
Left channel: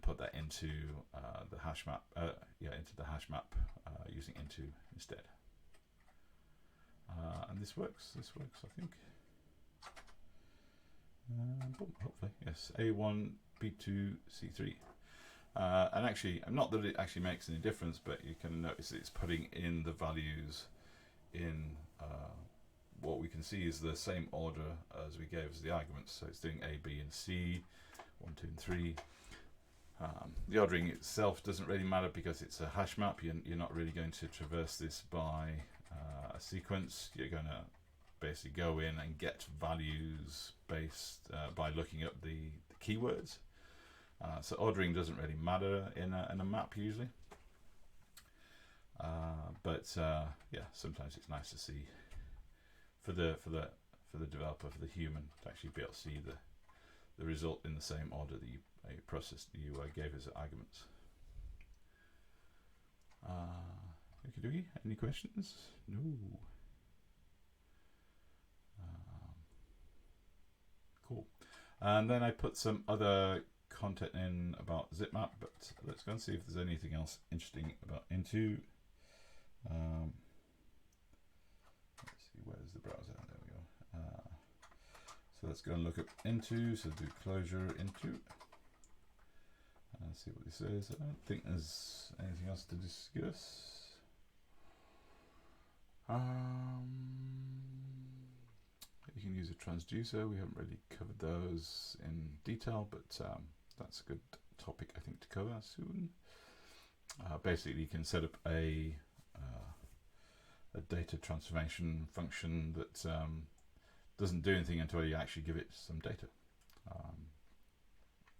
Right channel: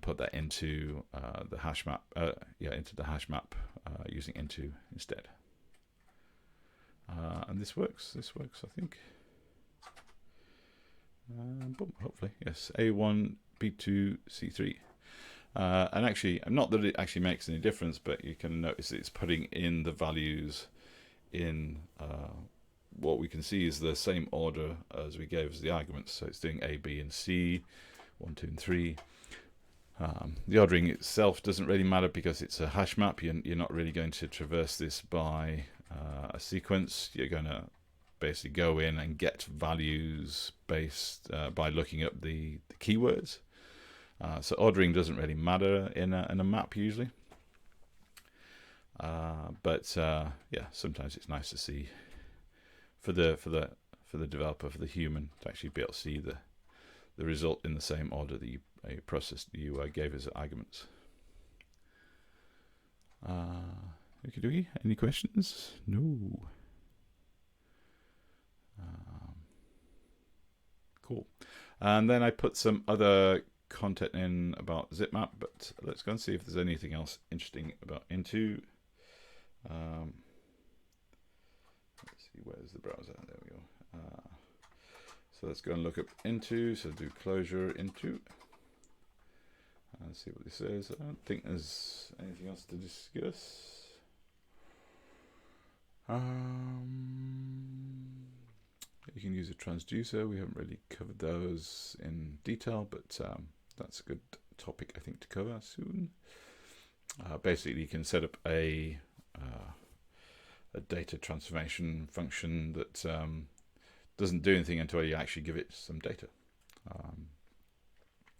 put that into the hashmap, using into instead. And this works. I think. Boom, hopefully, yes. A1, B2, C3. And actually, not that it actually makes any difference, but you can notice it's putting in the values in what we can see is the same order as we gave as the arguments. So it's doing A, B, and C, 1, 2, and 3. The ordering itself doesn't really matter because it's a hash map. You're not really going to traverse this by a sequence. You're going to basically go in and get values based by looking up the keywords. So ordering doesn't really matter in a map usually. But yeah, sometimes it's nice to see for the developer, for the human, to actually be able to see the result in the same order that you gave as arguments. Any questions? No. Cool. And then I put some other content in about zipmap, but let's go and see if there's anything else interesting about into. Let's see, where's the browser? There we go. So let's go and look up into. So do clojure into. And see what this says. I don't think there's anything else to discuss. You can use a transducer. We haven't really covered those in detail, but that's a good topic I think to cover soon. Basically, you can set up a data transformation function that doesn't do anything until you actually give it some data.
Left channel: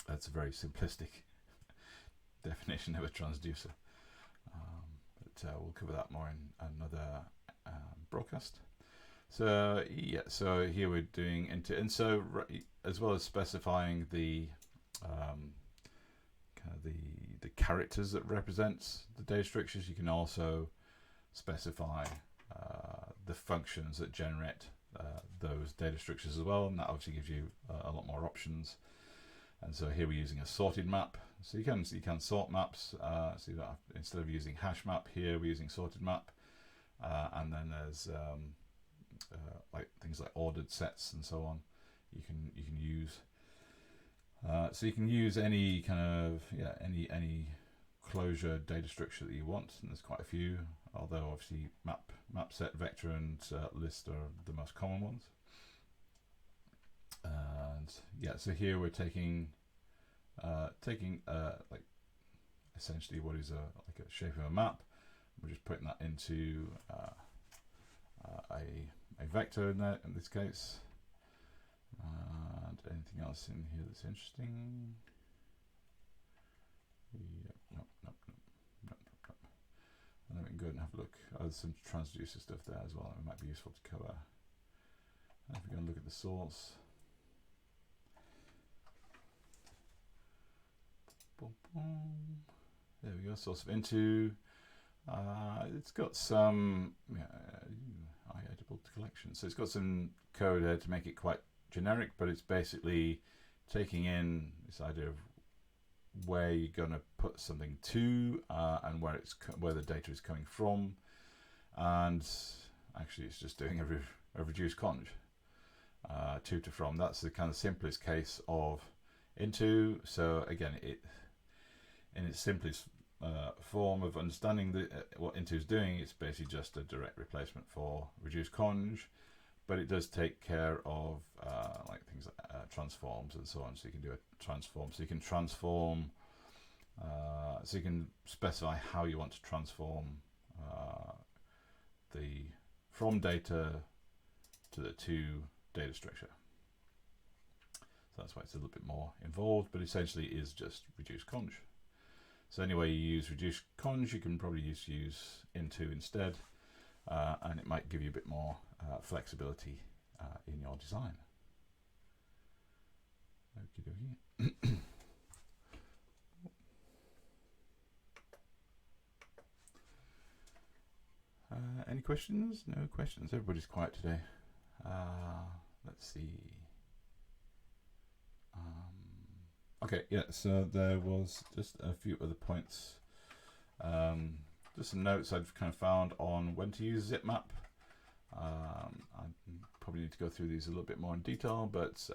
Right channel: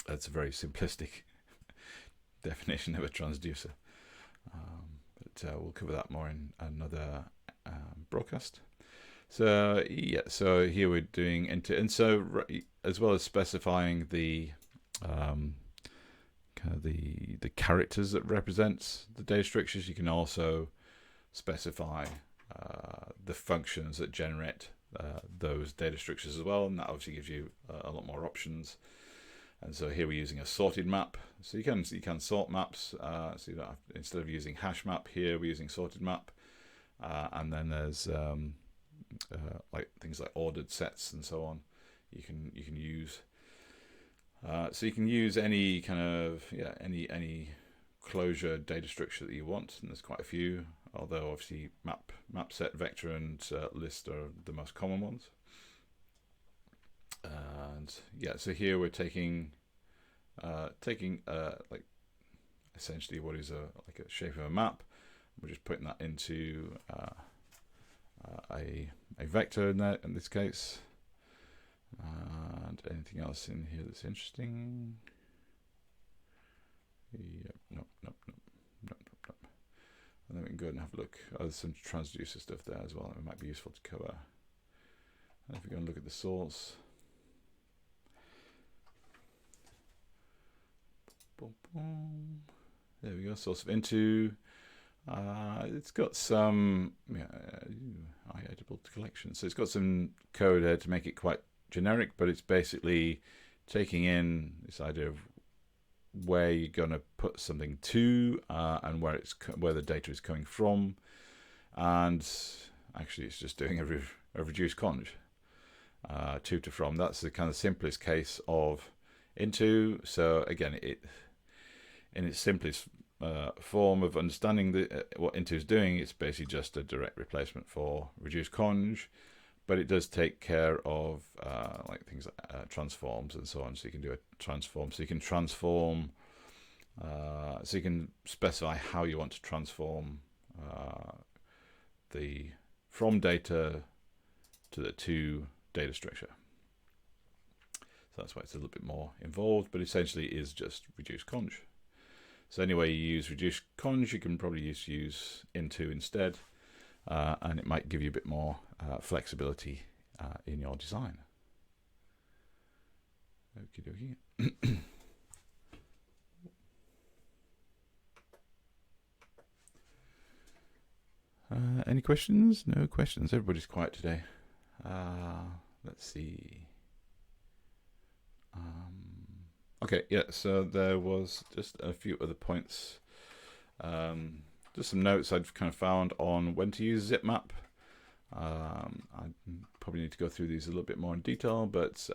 That's a very simplistic definition of a transducer, but we'll cover that more in another broadcast. So yeah, so here we're doing into, and so as well as specifying the kind of the characters that represents the data structures, you can also specify the functions that generate those data structures as well, and that obviously gives you a lot more options. And so here we're using a sorted map, so you can sort maps. So you don't have, instead of using hash map, here we're using sorted map, and then there's like things like ordered sets and so on. You can use. So you can use any kind of any Clojure data structure that you want, and there's quite a few. Although obviously map, set, vector, and list are the most common ones. And yeah, so here we're taking like essentially what is like a shape of a map. We're just putting that into a vector in this case. And anything else in here that's interesting? Yep, nope. And then we can go and have a look. Oh, there's some transducer stuff there as well that might be useful to cover. And if we go and look at the source, boom, boom. There we go. Source of into. It's got some editable collection. So it's got some code there to make it quite generic, but it's basically taking in this idea of where you're going to put something to, and where the data is coming from, and actually it's just doing a reduced conj to from. That's the kind of simplest case of into. So again, it in its simplest form of understanding what into is doing, it's basically just a direct replacement for reduced conj, but it does take care of like things like transforms and so on. So you can do a transform. So you can transform So you can specify how you want to transform the from data to the to data structure. So that's why it's a little bit more involved, but essentially it is just reduce conj. So anyway you use reduce conj, you can probably use into instead, and it might give you a bit more flexibility in your design. Okie dokie. Any questions? No questions. Everybody's quiet today. Let's see. Okay, yeah, so there was just a few other points. Just some notes I've kind of found on when to use zipmap. I probably need to go through these a little bit more in detail, but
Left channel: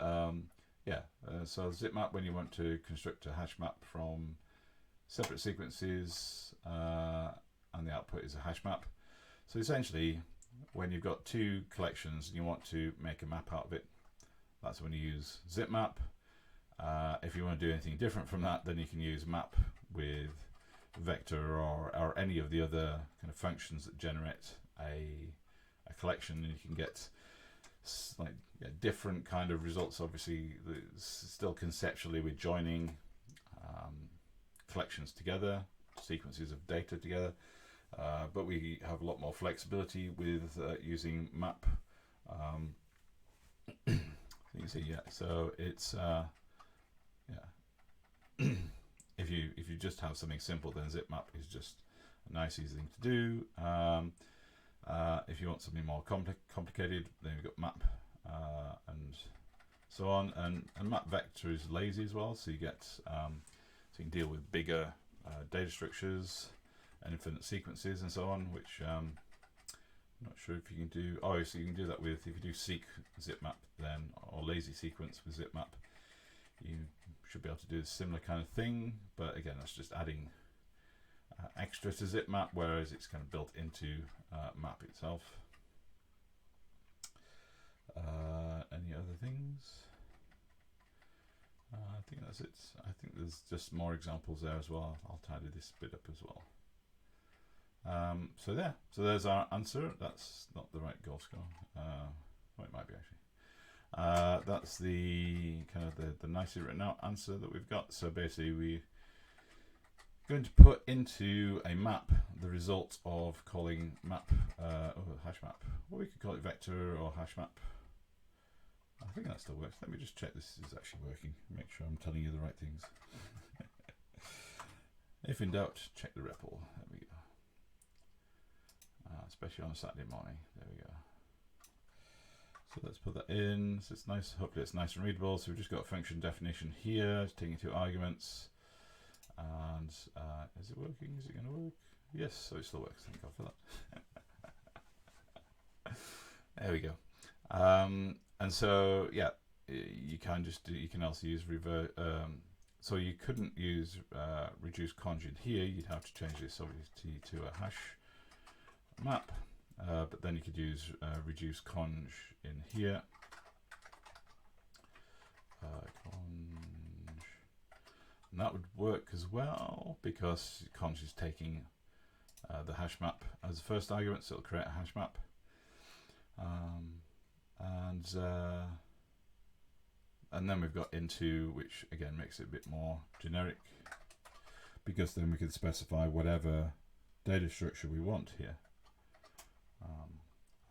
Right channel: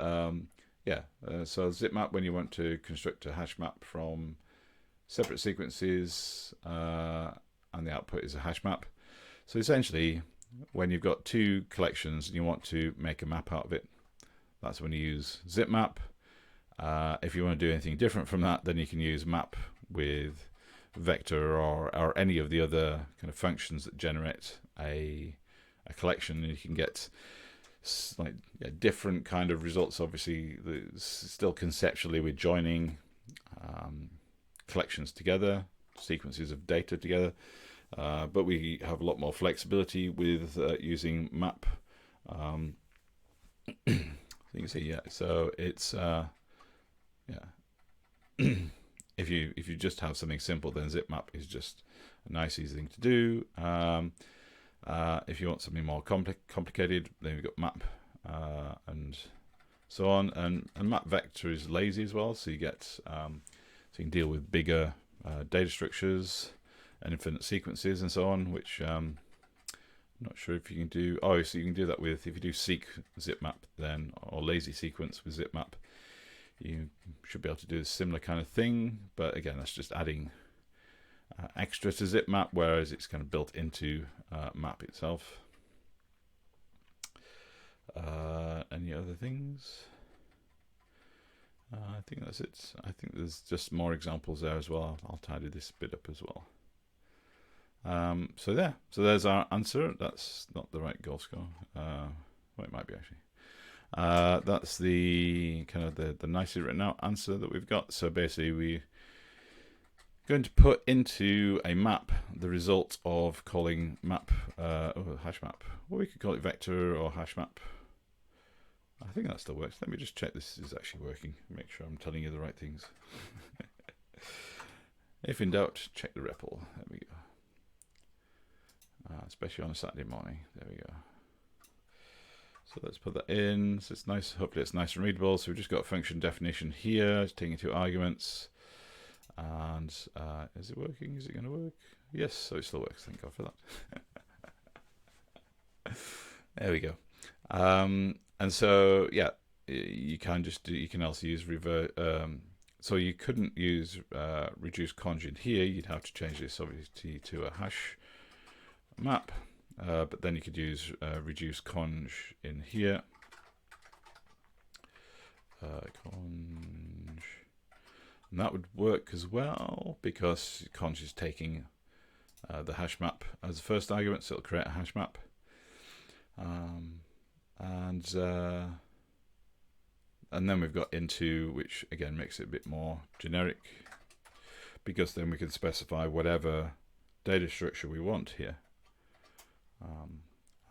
yeah, so zipmap, when you want to construct a hash map from separate sequences, and the output is a hash map. So essentially, when you've got two collections and you want to make a map out of it, that's when you use zipmap. If you want to do anything different from that, then you can use map with vector or any of the other kind of functions that generate a collection, and you can get like different kind of results. Obviously, still conceptually we're joining collections together, sequences of data together, but we have a lot more flexibility with using map. You can see, yeah. So it's yeah. If you just have something simple, then zipmap is just a nice, easy thing to do. If you want something more complicated, then we've got map and so on. And map vector is lazy as well, so you get so you can deal with bigger data structures and infinite sequences and so on, which I'm not sure if you can do. Oh, so you can do that with, if you do seq zipmap then, or lazy sequence with zipmap, you should be able to do a similar kind of thing, but again, that's just adding extra to zipmap, whereas it's kind of built into map itself. Any other things? I think that's it. I think there's just more examples there as well. I'll tidy this bit up as well. So yeah, so there's our answer. That's not the right goal score. Well, it might be actually. That's the kind of the nicely written out answer that we've got. So basically we're going to put into a map the result of calling map, hash map. Or we could call it vector or hash map. I think that still works. Let me just check this is actually working. Make sure I'm telling you the right things. If in doubt, check the REPL. There we go. Especially on a Saturday morning. There we go. So let's put that in. So it's nice. Hopefully it's nice and readable. So we've just got function definition here. It's taking two arguments. And is it working? Is it going to work? Yes. So it still works. Thank God for that. There we go. And so yeah, you can just do. You can also use revert. So you couldn't use reduce conj in here. You'd have to change this obviously to a hash map, but then you could use reduce conj in here. Conj, and that would work as well because conj is taking the hash map as the first argument, so it'll create a hash map. And then we've got into, which again makes it a bit more generic, because then we can specify whatever data structure we want here.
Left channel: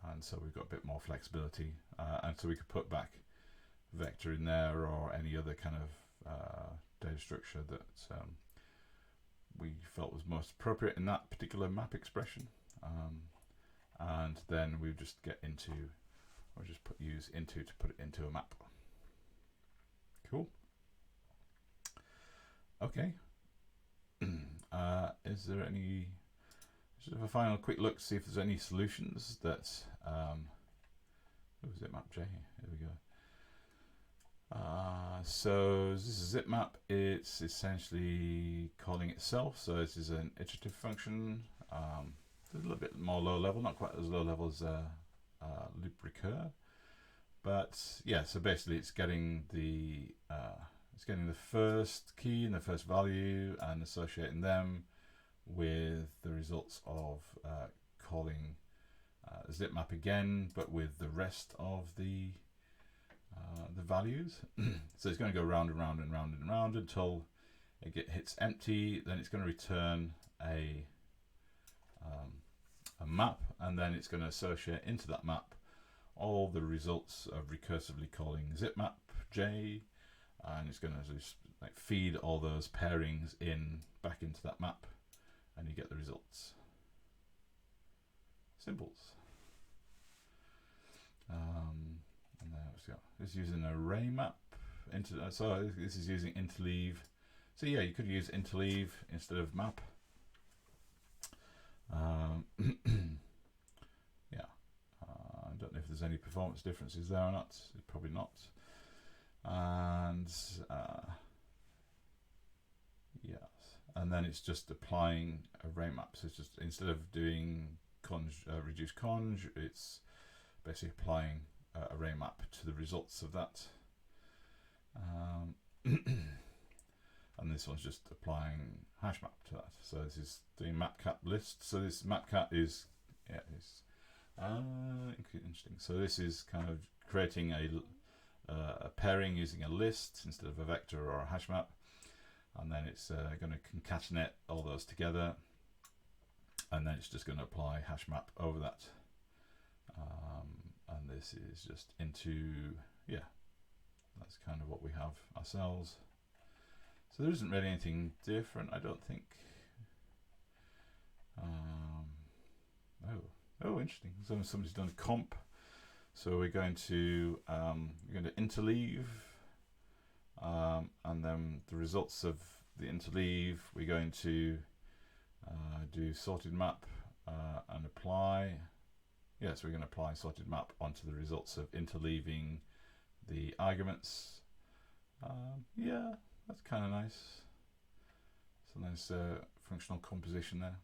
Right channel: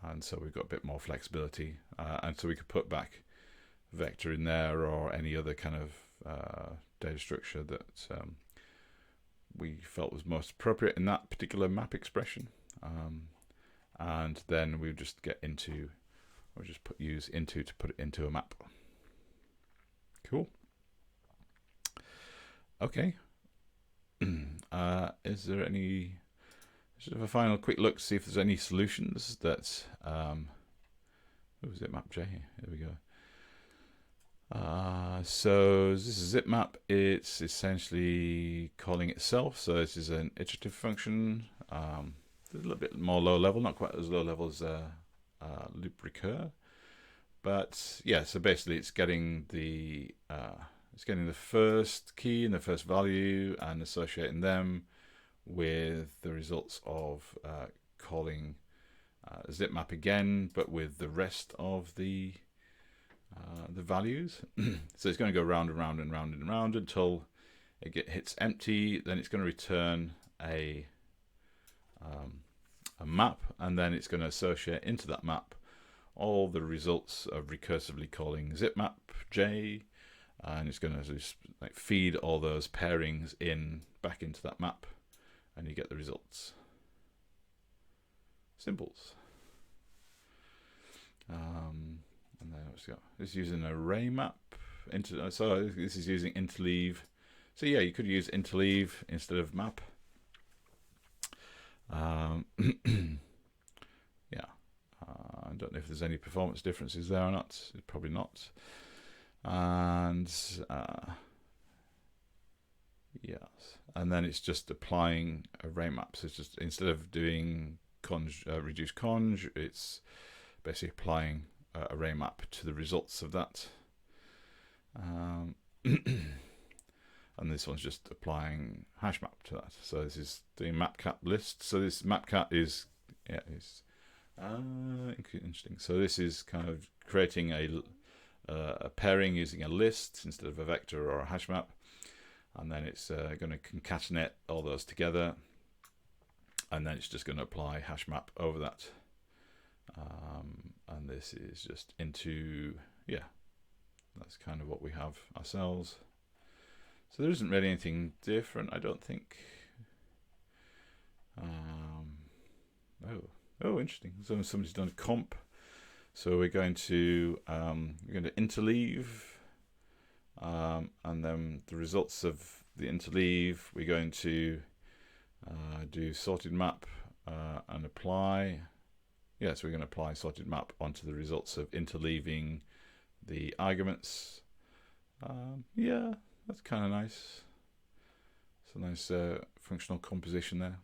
And so we've got a bit more flexibility, and so we could put back vector in there or any other kind of data structure that we felt was most appropriate in that particular map expression. And then we just get into, or just use into to put it into a map. Cool. Okay. Is there any? Should have a final quick look to see if there's any solutions that. Zipmap J. There we go. So this is zipmap. It's essentially calling itself. So this is an iterative function. A little bit more low level, not quite as low level as loop recur. But yeah, so basically it's getting the it's getting the first key and the first value and associating them with the results of calling zipmap again, but with the rest of the values. So it's going to go round and round and round and round until it hits empty. Then it's going to return a map, and then it's going to associate into that map all the results of recursively calling zipmap j, and it's going to just like feed all those pairings back into that map, and you get the results. Symbols. And there we go. This is using an array map. So this is using interleave. So yeah, you could use interleave instead of map. Yeah, I don't know if there's any performance differences there or not. Probably not. And yes, and then it's just applying array maps. It's just, instead of doing reduce conj, it's basically applying array map to the results of that. And this one's just applying hashmap to that. So this is doing mapcat list. So this mapcat is, yeah, is interesting. So this is kind of creating a pairing using a list instead of a vector or a hashmap, and then it's going to concatenate all those together, and then it's just going to apply hashmap over that. And this is just into, yeah, that's kind of what we have ourselves. So there isn't really anything different, I don't think. Oh, interesting. So somebody's done a comp. So we're going to interleave, and then the results of the interleave, we're going to do sorted map and apply. Yeah, so we're going to apply sorted map onto the results of interleaving the arguments. Yeah, that's kind of nice. It's a nice functional composition there.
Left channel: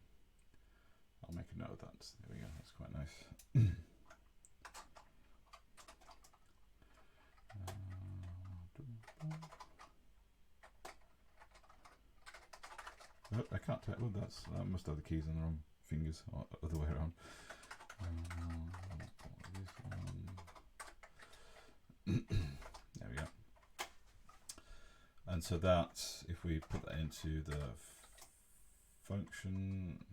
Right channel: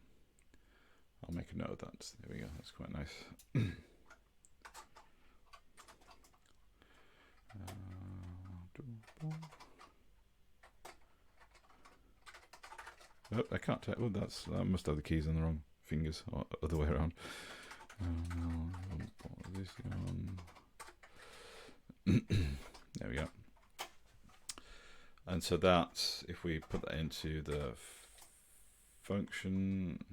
I'll make a note of that. There we go. That's quite nice. Oh, I can't tell. Oh, I must have the keys on the wrong fingers, or other way around. This one. There we go. And so that's, if we put that into the function.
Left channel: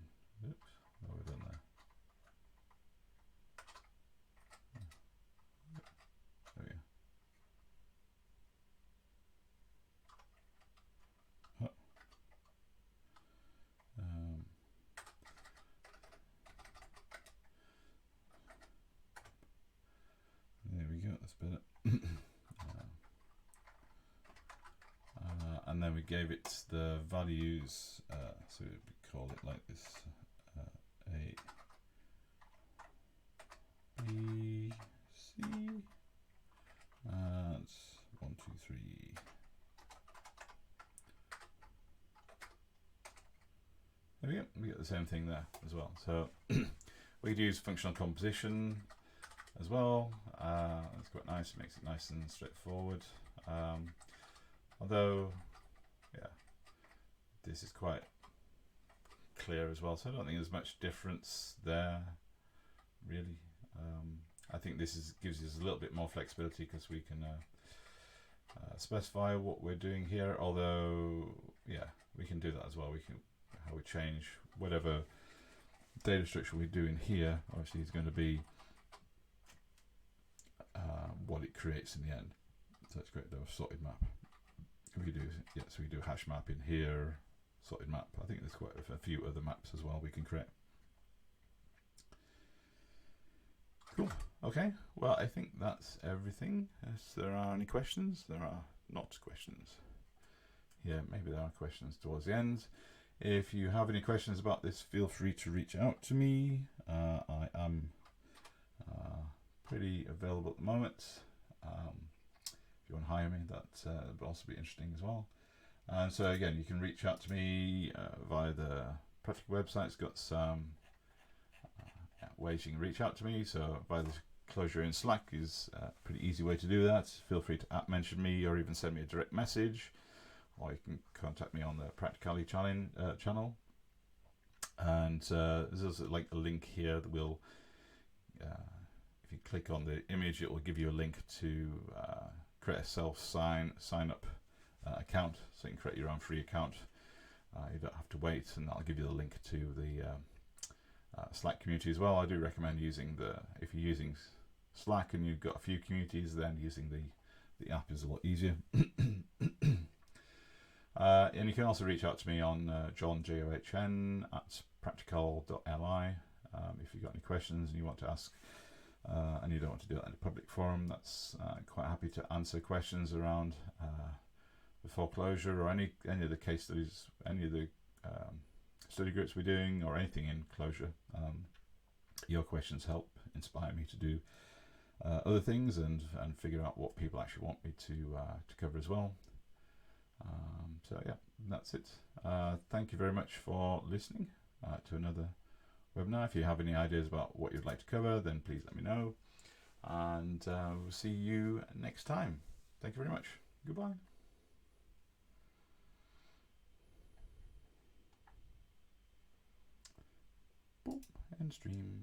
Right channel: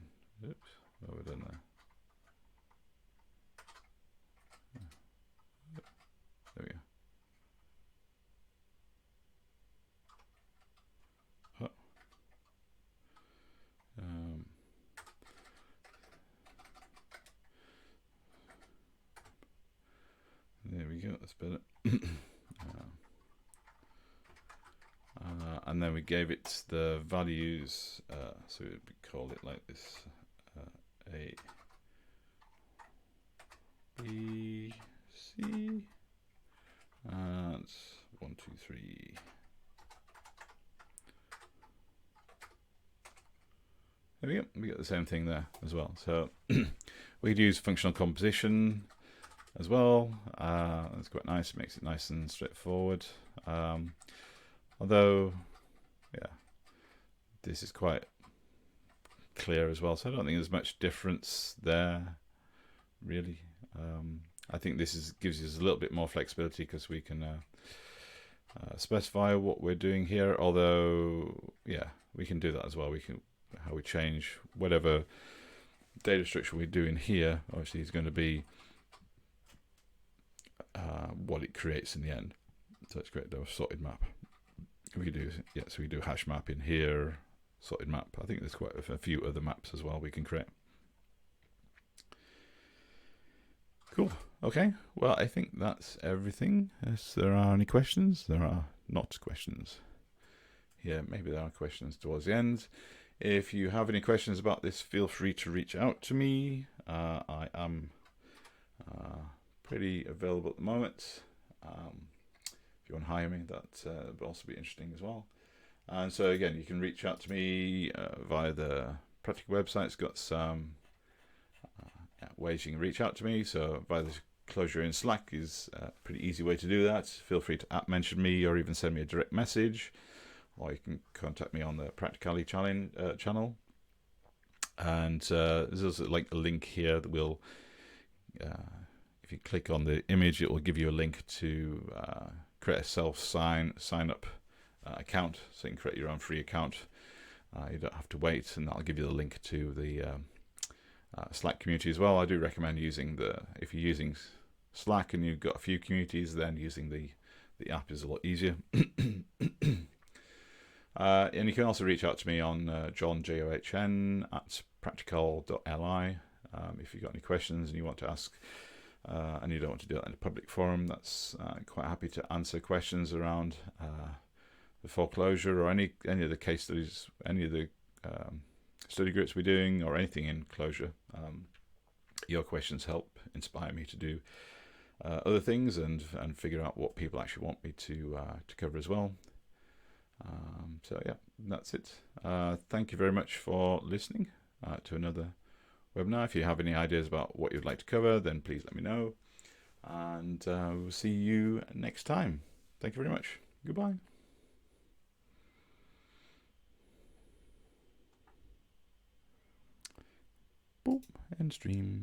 Oops, what have we done there? There we go. There we go, that's better. And then we gave it the values, so we call it like this, A, B, C, and 1, 2, 3. There we go, we get the same thing there as well. So we could use functional composition as well. That's quite nice, makes it nice and straightforward. Although, yeah, this is quite clear as well, so I don't think there's much difference there, really. I think this gives us a little bit more flexibility because we can specify what we're doing here. Although, yeah, we can do that as well. We can how we change whatever data structure we do in here. Obviously, is going to be what it creates in the end. So let's create a sorted map. We do, yeah, so we do hash map in here, sorted map. I think there's quite a few other maps as well we can create. Cool. Okay. Well, I think that's everything. If there are any questions, there are not questions. Yeah, maybe there are questions towards the end. If you have any questions about this, feel free to reach out to me. I am pretty available at the moment. If you want to hire me, that would also be interesting as well. And so again, you can reach out to me via the Practical website. It's got some ways you can reach out to me. So via the Clojure in Slack is a pretty easy way to do that. Feel free to mention me or even send me a direct message, or you can contact me on the Practicalli channel. And there's also like a link here that will, if you click on the image, it will give you a link to create a sign up account, so you can create your own free account. You don't have to wait, and that'll give you the link to the Slack community as well. I do recommend using if you're using Slack and you've got a few communities, then using the app is a lot easier. And you can also reach out to me on John, JOHN, at practical.li. If you've got any questions and you want to ask, and you don't want to do it in a public forum, that's quite happy to answer questions around the 4Clojure or any of the case studies, any of the study groups we're doing, or anything in Clojure. Your questions help inspire me to do other things and figure out what people actually want me to cover as well. So yeah, that's it. Thank you very much for listening to another webinar. If you have any ideas about what you'd like to cover, then please let me know, and we'll see you next time. Thank you very much. Goodbye. Boop, end stream.